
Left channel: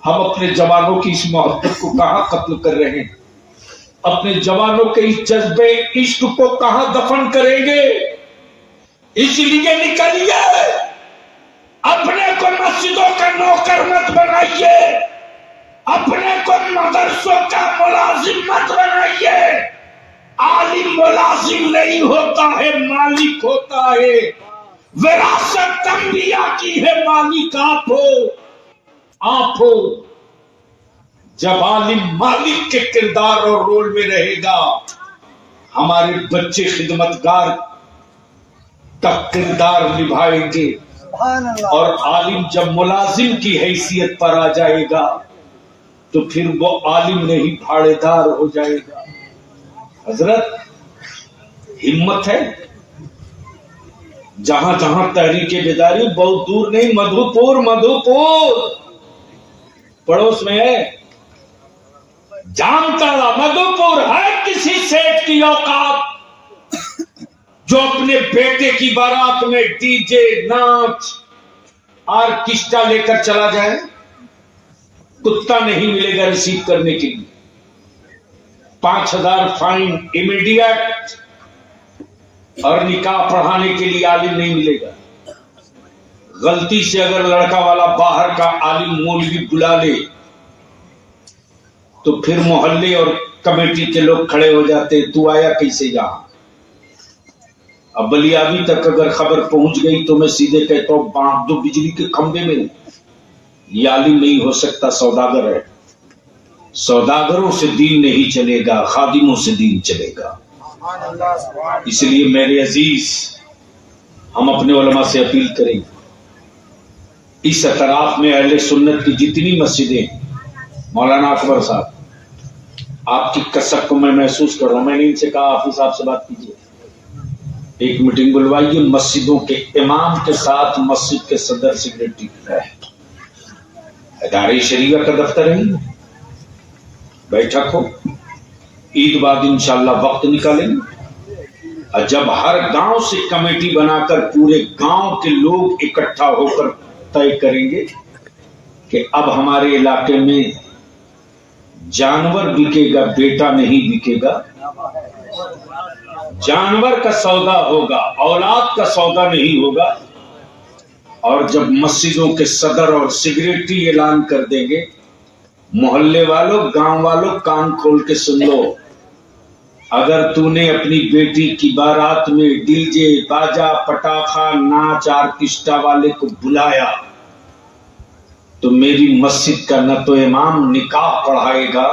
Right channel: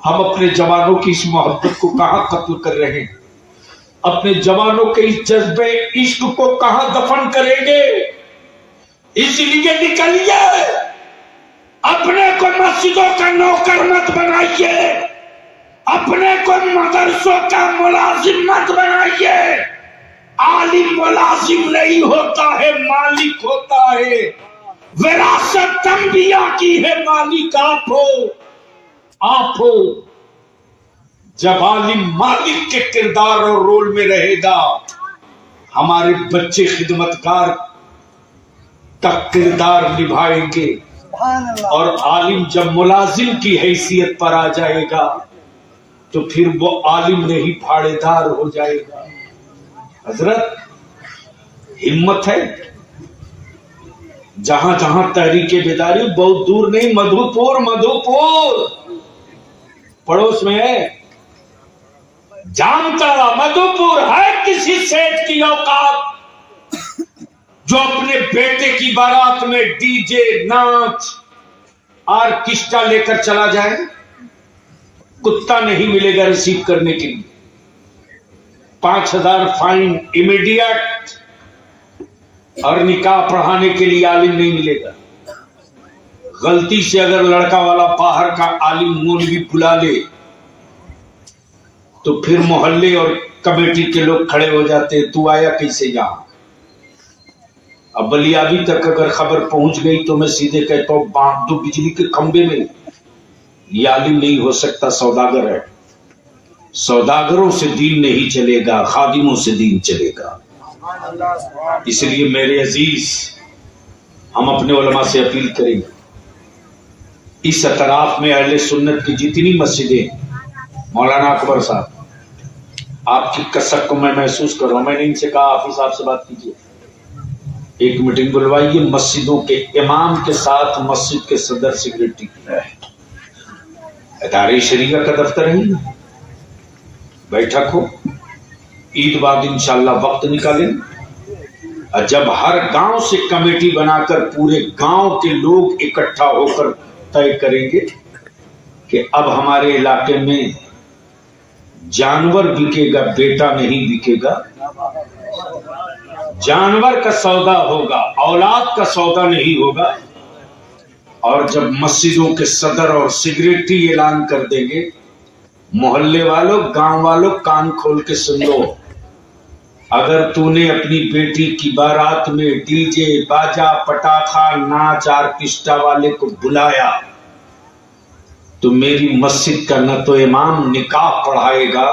ہم اپنے جوانوں کی اس محبت کو کہاں ختم کر رہے ہیں؟ اپنے جوانوں کے اس جذبے عشق کو کہاں دفن کریں گے؟ اس لیے نکلیے, اپنے کو مسجدوں کا نوکر مت بنائیے, اپنے کو مدرسوں کا ملازم مت بنائیے. عالم ملازم نہیں ہوتا ہے, مالک ہوتا ہے. وراثت انبیاء کی ہے, مالک آپ ہو. آپ ہو. جب عالم مالک کے کردار اور رول میں رہے گا, ہمارے بچے خدمتگار کا کردار نبھائیں گے. اور عالم جب ملازم کی حیثیت پر آ جائے گا تو پھر وہ عالم نہیں بھاڑے دار ہو جائے گا. حضرت ہمت ہے. جہاں جہاں تحریک بیداری, بہت دور نہیں, مدھوپور پڑوس میں ہے, جامتاڑا مدھوپور. ہے کسی سیٹ کی اوقات جو اپنے بیٹے کی بارات میں ڈی جے, ناچ, آرکیسٹرا لے کر چلا جائے؟ کتا نہیں ملے گا ریسیو کرنے کے لیے. 5,000 فائن امیڈیٹ, اور نکاح پڑھانے کے لیے عالم نہیں ملے گا. غلطی سے اگر لڑکا والا باہر کا عالم مولوی بلا لے تو پھر محلے اور کمیٹی کے لوگ کھڑے ہو جاتے, تو آیا کیسے یہاں؟ اب بلیابی تک اگر خبر پہنچ گئی تو میں سیدھے کہتا ہوں باندھ دو بجلی کے کھمبے میں. یہ عالم نہیں ہو سکتا, سوداگر ہے. سوداگروں سے دین نہیں چلے گا, خادموں سے دین چلے گا. اس لیے میرے عزیز, ہم اپنے علماء سے اپیل کریں, اس اطراف میں اہل سنت کی جتنی مسجدیں, مولانا اکبر صاحب آپ کی کسک کو میں محسوس کر رہا ہوں. میں نے ان سے کہا حافظ صاحب سے بات کیجیے, ایک میٹنگ بلوائیے مسجدوں کے امام کے ساتھ, مسجد کے صدر سیکریٹری ہے, ادارے شریعہ کا دفتر ہے, بیٹھک ہو. عید بعد انشاءاللہ وقت نکالیں گے. جب ہر گاؤں سے کمیٹی بنا کر پورے گاؤں کے لوگ اکٹھا ہو کر طے کریں گے کہ اب ہمارے علاقے میں جانور بکے گا, بیٹا نہیں بکے گا. جانور کا سودا ہوگا, اولاد کا سودا نہیں ہوگا. اور جب مسجدوں کے صدر اور سیکریٹری اعلان کر دیں گے, محلے والوں, گاؤں والوں, کان کھول کے سن لو, اگر تو نے اپنی بیٹی کی بارات میں ڈی جے, باجا, پٹاخا, ناچ, آرکیسٹرا والے کو بلایا تو میری مسجد کا نہ تو امام نکاح پڑھائے گا,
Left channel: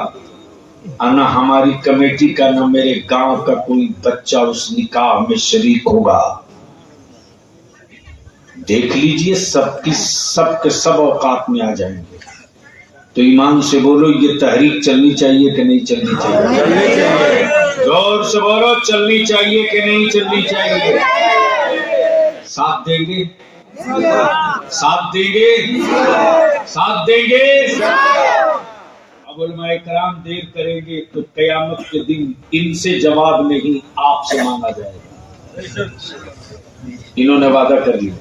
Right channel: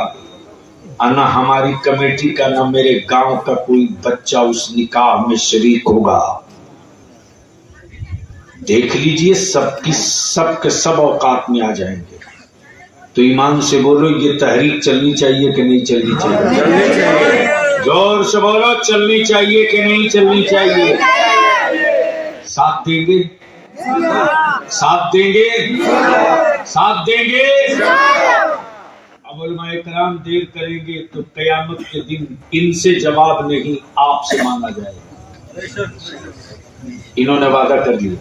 نہ ہماری کمیٹی کا, نہ میرے گاؤں کا کوئی بچہ اس نکاح میں شریک ہوگا. دیکھ لیجئے سب کے سب اوقات میں آ جائیں گے. تو ایمان سے بولو, یہ تحریک چلنی چاہیے کہ نہیں چلنی چاہیے؟ چلنی چاہیے. زور سے بولو, چلنی چاہیے کہ نہیں چلنی چاہیے؟ ساتھ دیں گے؟ ساتھ دیں گے؟ ساتھ دیں گے؟ اب علماء کرام دیر کریں گے تو قیامت کے دن ان سے جواب نہیں, آپ سے مانگا جائے گا. انہوں نے وعدہ کر لیا.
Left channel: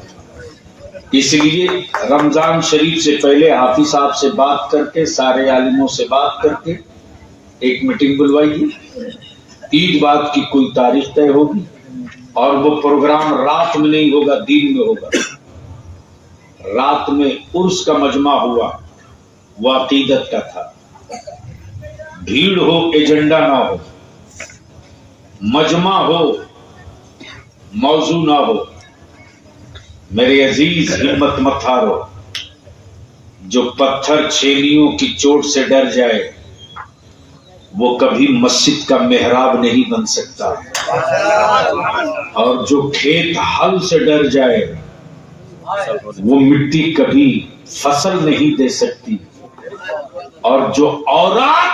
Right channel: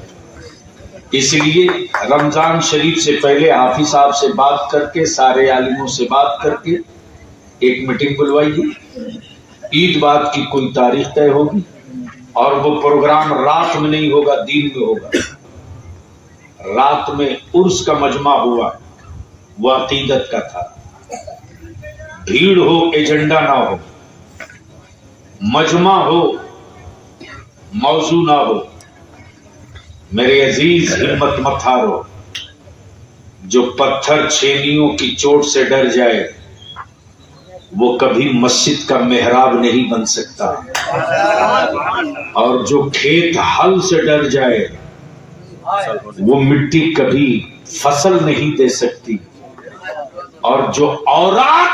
اس لیے رمضان شریف سے پہلے حافظ صاحب سے بات کر کے, سارے عالموں سے بات کر کے ایک میٹنگ بلوائیے. عید بعد کی کوئی تاریخ طے ہوگی, اور وہ پروگرام رات میں نہیں ہوگا, دن میں ہوگا. رات میں عرس کا مجمع ہوا, وہ عقیدت کا تھا. بھیڑ ہو, ایجنڈا نہ ہو, مجمع ہو, موضوع نہ ہو. میرے عزیز ہمت مت ہارو. جو پتھر چھینیوں کی چوٹ سے ڈر جائے وہ کبھی مسجد کا محراب نہیں بن سکتا, اور جو کھیت ہل سے ڈر جائے وہ مٹی کبھی فصل نہیں دے سکتی, اور جو عورت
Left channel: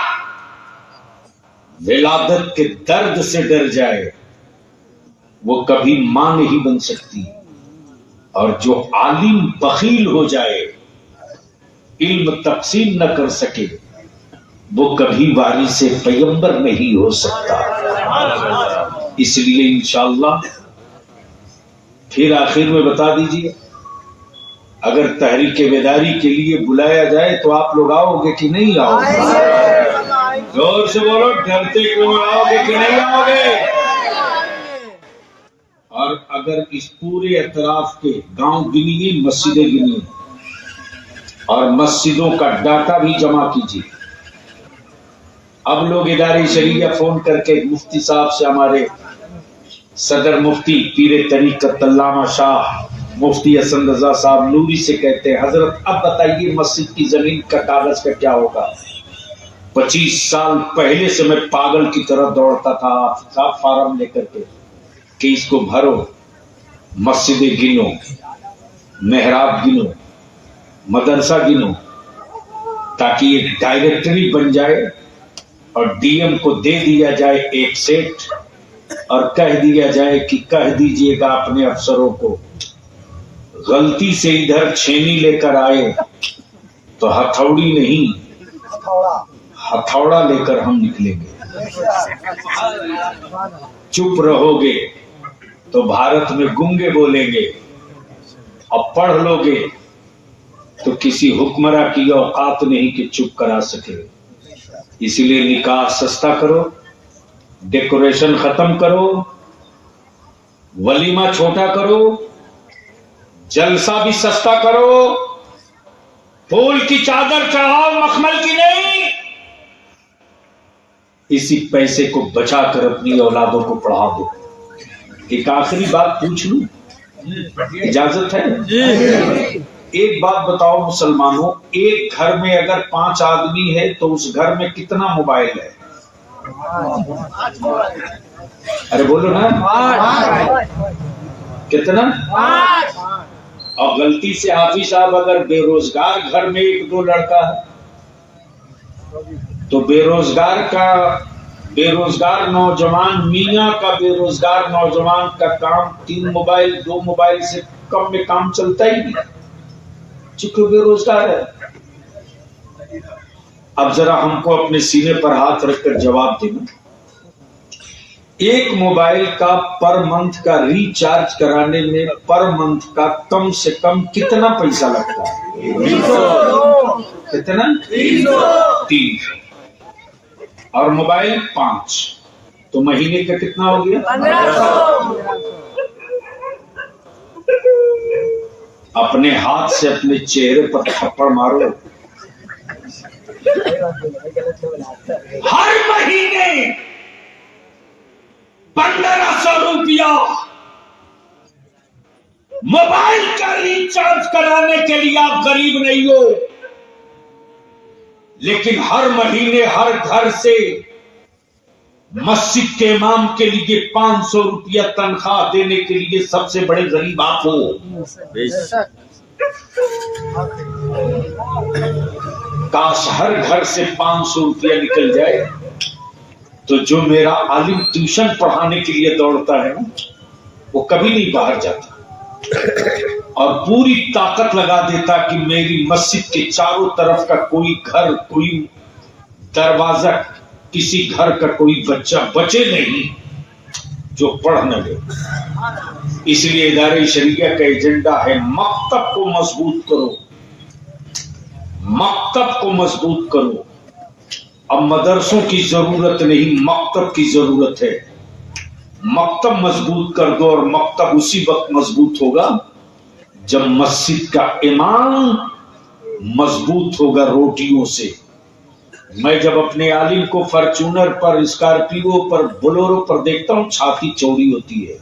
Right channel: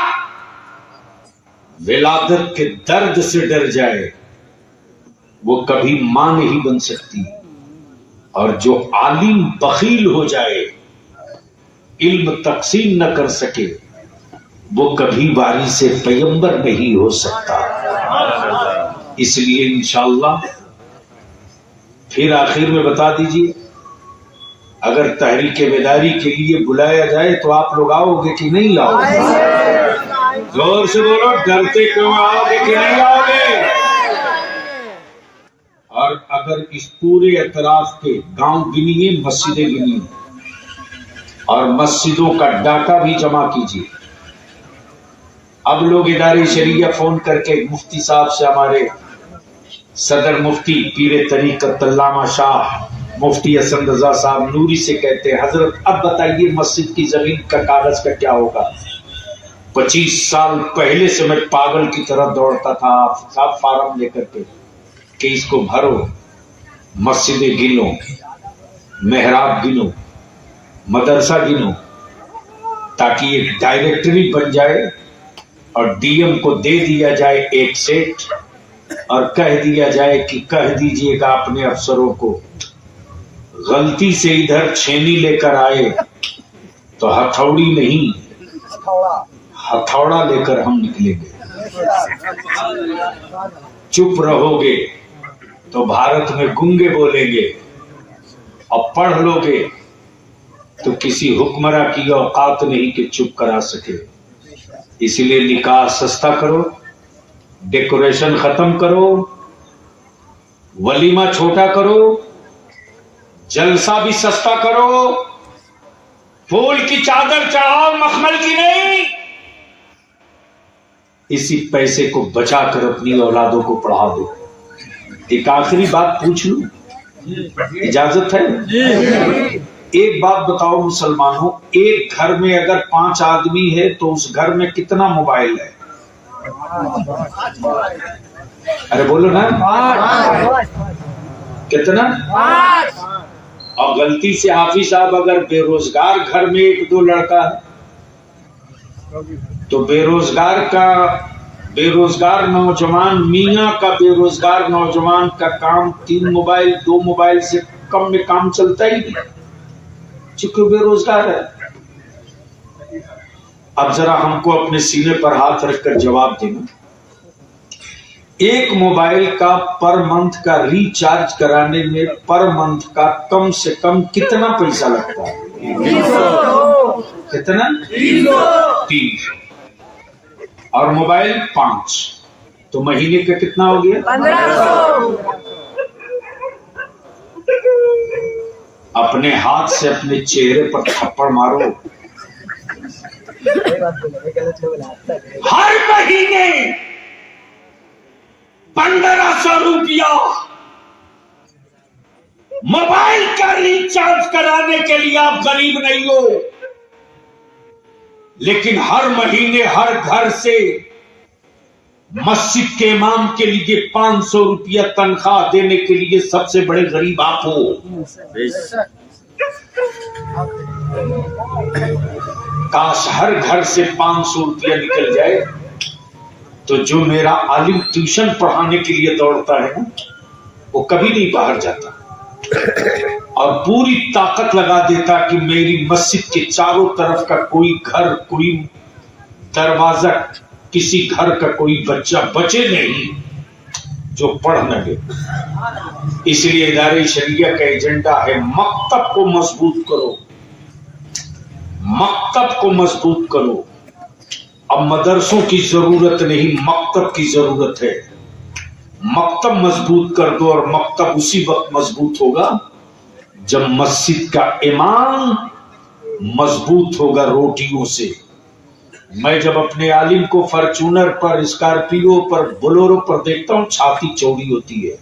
ولادت کے درد سے ڈر جائے وہ کبھی ماں نہیں بن سکتی, اور جو عالم بخیل ہو جائے علم تقسیم نہ کر سکے وہ کبھی وارث پیغمبر نہیں ہو سکتا. اس لیے انشاءاللہ پھر آخر میں بتا دیجئے, اگر تحریک بیداری کے لیے بلایا جائے تو آپ لوگ آؤ گے کہ نہیں آؤ گے؟ زور سے بولو, ڈرتے کیوں, آؤ گے کہ نہیں آؤ گے؟ اور اگر اس پورے اطراف کے گاؤں گنیے, مسجدیں گنیے, اور مسجدوں کا ڈاٹا بھی جمع کیجیے. اب لوگ ادارے شریعہ فون کر کے مفتی صاحب سے, ہمارے صدر مفتی پیر طریقت علامہ شاہ مفتی حسن رضا صاحب نوری سے کہتے ہیں, حضرت اب بتائیے مسجد کی زمین کا کاغذ کا کیا ہوگا؟ 25 سال پہلے سے میں پاگل کی طرح دوڑتا تھا آپ فارم لے کر کے کہ اس کو بھرو, مسجدیں گنو, محراب گنو, مدرسہ گنو, تاکہ ایک ڈائریکٹری بن جائے اور ڈی ایم کو دے دیا جائے ایک سیٹ, اور کہہ دیا جائے کہ کہہ دیجئے گا اپنے افسروں کو غلطی سے ادھر چھینی لے کر آئے تو ہتھوڑی نہیں ہتھوڑا لے کر ہم نکلیں گے. چپ رہو گے تو بھارت میں گونگے بولیں گے, اور پڑھ لو گے تو کسی حکمراں کی اوقات نہیں کہ چپ کرا سکے. اسی لیے نکاح سستا کرو, ڈیکوریشن ختم کرو, ولیمہ چھوٹا کرو, جلسہ بھی سستا کرو, پھول کی چادر چڑھاؤ, مخمل کی نہیں. اسی پیسے کو بچا کر اپنی اولادوں کو پڑھا دو. ایک آخری بات پوچھ لوں, اجازت ہے؟ ایک بات بتاؤ مسلمانوں, ایک گھر میں اگر 5 آدمی ہے تو اس گھر میں کتنا موبائل ہے؟ ارے بولو نا, کتنا؟ اور غلطی سے حافظ صاحب اگر بے روزگار گھر میں 1-2 لڑکا ہے تو بے روزگار نوجوان میاں کا بے روزگار نوجوان کا کام 3 موبائل 2 موبائل سے کم میں کام چلتا ہی نہیں, چونکہ بے روزگار ہے. اب ذرا ہم کو اپنے سینے پر ہاتھ رکھ کر جواب دینا, ایک موبائل کا پر منتھ کا ریچارج کرانے میں پر منتھ کا کم سے کم کتنا پیسہ لگتا ہے؟ 300. کتنا؟ 300. اور موبائل 5, تو مہینے کا کتنا ہو گیا؟ 1500. اپنے ہاتھ سے اپنے چہرے پر تھپڑ مارو. ہر مہینے 1500 روپیہ موبائل کا ریچارج کرانے کے لیے آپ غریب نہیں ہو, لیکن ہر مہینے ہر گھر سے مسجد کے امام کے لیے 500 روپیہ تنخواہ دینے کے لیے سب سے بڑے غریب آپ ہو. کاش ہر گھر سے 500 روپیہ نکل جائے تو جو میرا عالم ٹیوشن پڑھانے کے لیے دوڑتا ہے نا, وہ کبھی نہیں باہر جاتا اور پوری طاقت لگا دیتا کہ میری مسجد کے چاروں طرف کا کوئی گھر, کوئی دروازہ, کسی گھر کا کوئی بچہ بچے نہیں جو پڑھ نہ لے. اس لیے ادارے شریعہ کا ایجنڈا ہے مکتب کو مضبوط کرو, مکتب کو مضبوط کرو. اب مدرسوں کی ضرورت نہیں, مکتب کی ضرورت ہے. مکتب مضبوط کر دو, اور مکتب اسی وقت مضبوط ہوگا جب مسجد کا امام مضبوط ہوگا روٹیوں سے. میں جب اپنے عالم کو فارچونر پر, اسکارپیو پر, بلورو پر دیکھتا ہوں چھاتی چوڑی ہوتی ہے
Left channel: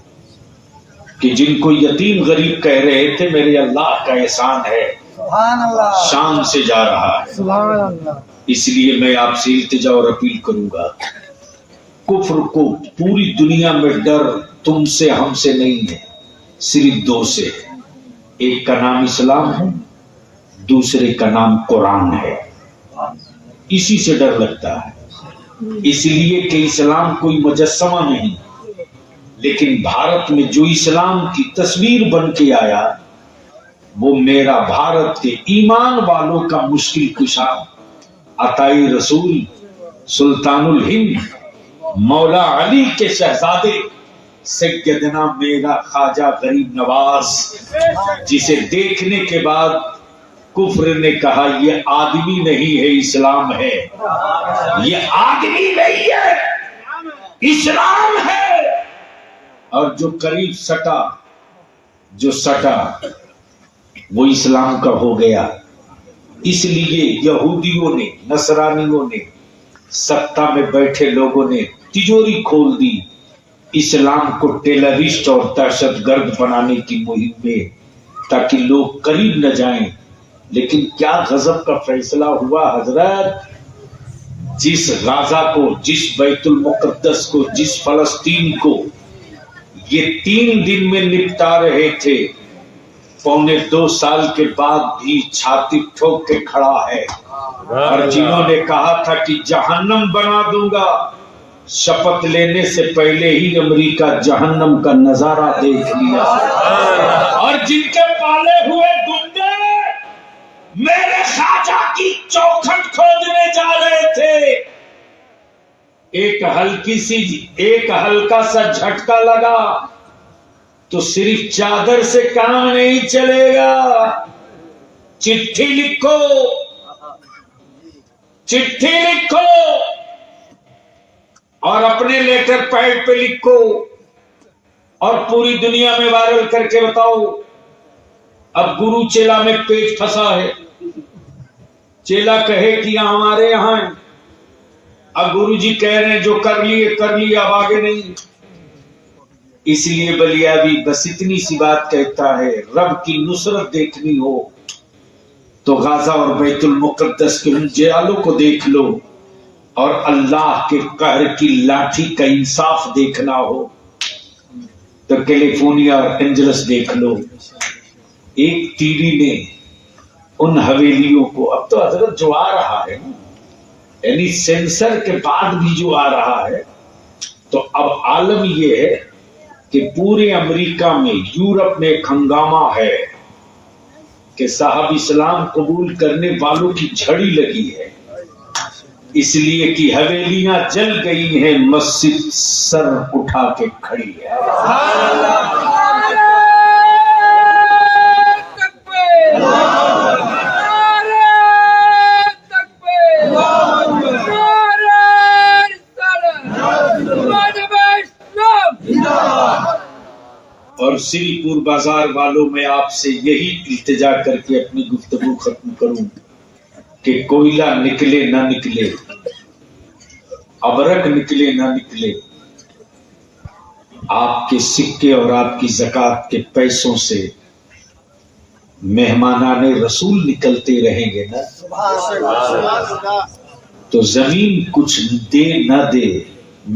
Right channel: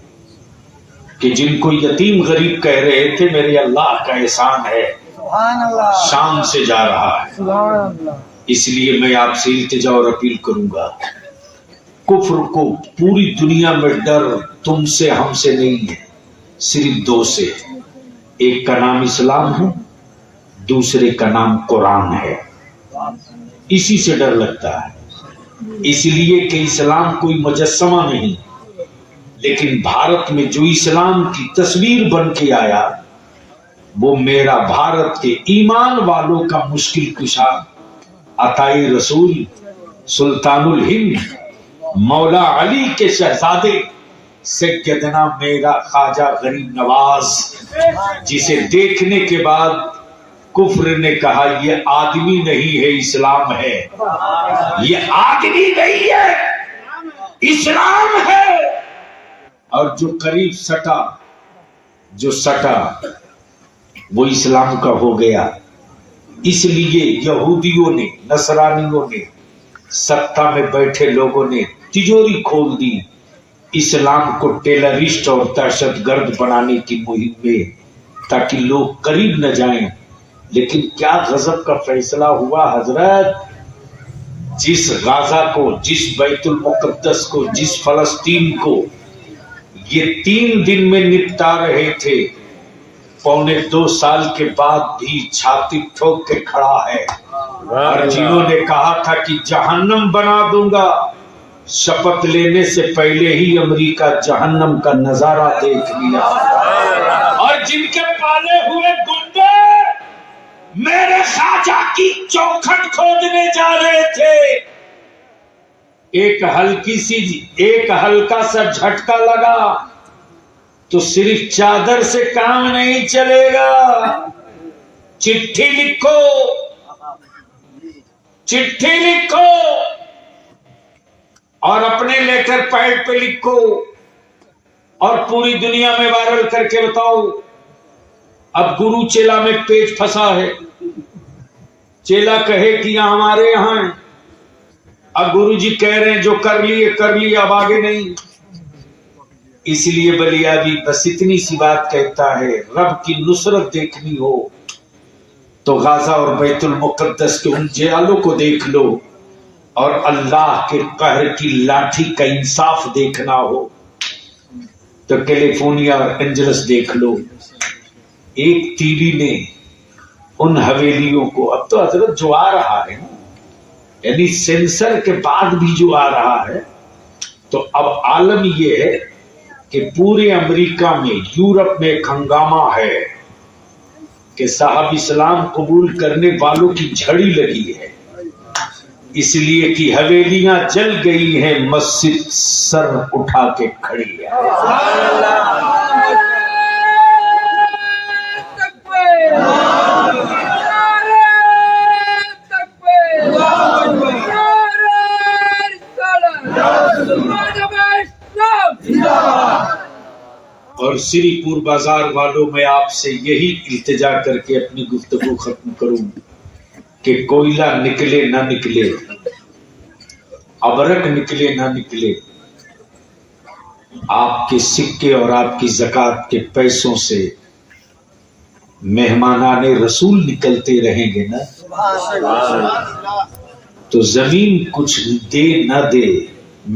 کہ جن کو یتیم غریب کہہ رہے تھے میرے اللہ کا احسان ہے، سبحان اللہ، شان سے جا رہا ہے۔ سبحان اللہ، اس لیے میں آپ سے التجا اور اپیل کروں گا، کفر کو پوری دنیا میں ڈر تم سے ہم سے نہیں ہے، صرف دو سے، ایک کا نام اسلام ہے، دوسرے کا نام قرآن ہے۔ اسی سے ڈر لگتا ہے، اس لیے کہ اسلام کوئی مجسمہ نہیں، لیکن بھارت میں جو اسلام کی تصویر بن کے آیا وہ میرا بھارت کے ایمان والوں کا مشکل کشا عطائی رسول سلطان الہند مولا علی کے شہزادے سیدنا میرا خواجہ غریب نواز، جسے دیکھنے کے بعد کفر نے کہا یہ آدمی نہیں ہے اسلام ہے، یہ آدمی نہیں ہے اسلام ہے۔ اور جو قریب سٹا، جو سٹا وہ اسلام کا ہو گیا۔ اس لیے یہودیوں نے، نصرانیوں نے، سطح میں بیٹھے لوگوں نے تجوری کھول دی اسلام کو ٹیررسٹ اور دہشت گرد بنانے کی مہم میں، تاکہ لوگ قریب نہ جائیں۔ لیکن کیا غضب کا فیصلہ ہوا حضرت، جس غزہ کو، جس بیت المقدس کو، جس فلسطین کو یہ 3 دن میں نپٹا رہے تھے، 1.25 سال کے بعد بھی چھاتی ٹھوک کے کھڑا ہے۔ اور جنہوں نے کہا تھا کہ جہنم بنا دوں گا، شپت لینے سے پہلے ہی امریکہ جہنم کا نظارہ دیکھ لیا۔ اور جن کے پالے ہوئے گنڈے میرے خواجہ کی چوکھٹ کھودنے جا رہے تھے، ایک ہلکا سا جھٹکا لگا تو صرف چادر سے کام نہیں چلے گا، چٹھی لکھو، چٹھی لکھو اور اپنے لیٹر پیڈ پہ لکھو اور پوری دنیا میں وائرل کر کے بتاؤ۔ اب گرو چیلا میں پیچ پھنسا ہے، چیلا کہے کہ یہ ہمارے یہاں ہے، اب گرو جی کہہ رہے ہیں جو کر لیے اب آگے نہیں۔ اس لیے بلیابی بس اتنی سی بات کہتا ہے، رب کی نصرت دیکھنی ہو تو غزہ اور بیت المقدس کے ان جیالوں کو دیکھ لو، اور اللہ کے قہر کی لاٹھی کا انصاف دیکھنا ہو تو کیلیفورنیا اور اینجلس دیکھ لو۔ ایک تیری نے ان حویلیوں کو، اب تو حضرت جو آ رہا ہے یعنی سینسر کے بعد بھی جو آ رہا ہے، تو اب عالم یہ ہے کہ پورے امریکہ میں، یورپ میں ایک ہنگامہ ہے کہ صاحب اسلام قبول کرنے والوں کی جھڑی لگی ہے، اس لیے کہ حویلیاں جل گئی ہیں، مسجد سر اٹھا کے کھڑی ہے۔ اور سری پور بازار والوں میں آپ سے یہی التجا کر کے اپنی گفتگو ختم کروں کہ کوئلہ نکلے نہ نکلے، ابرک نکلے نہ نکلے، آپ کے سکے اور آپ کی زکوٰۃ کے پیسوں سے مہمانان رسول نکلتے رہیں گے نا، تو زمین کچھ دے نہ دے،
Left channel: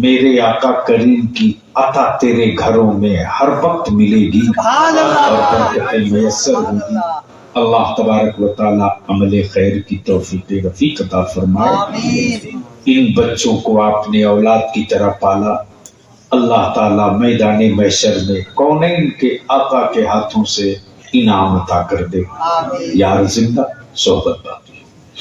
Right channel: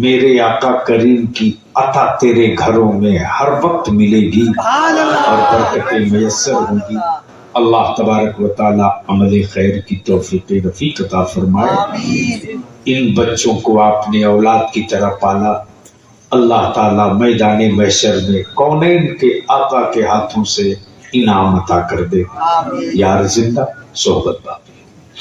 میرے آقا کریم کی عطا تیرے گھروں میں ہر وقت ملے گی اور برکتیں میسر ہوں گی۔ اللہ تبارک و تعالی عمل خیر کی توفیق رفیق عطا فرمائے۔ ان بچوں کو آپ نے اولاد کی طرح پالا، اللہ تعالی میدان محشر میں کونین کے آقا کے ہاتھوں سے انعام عطا کر دے۔ یار زندہ صحبت باقی۔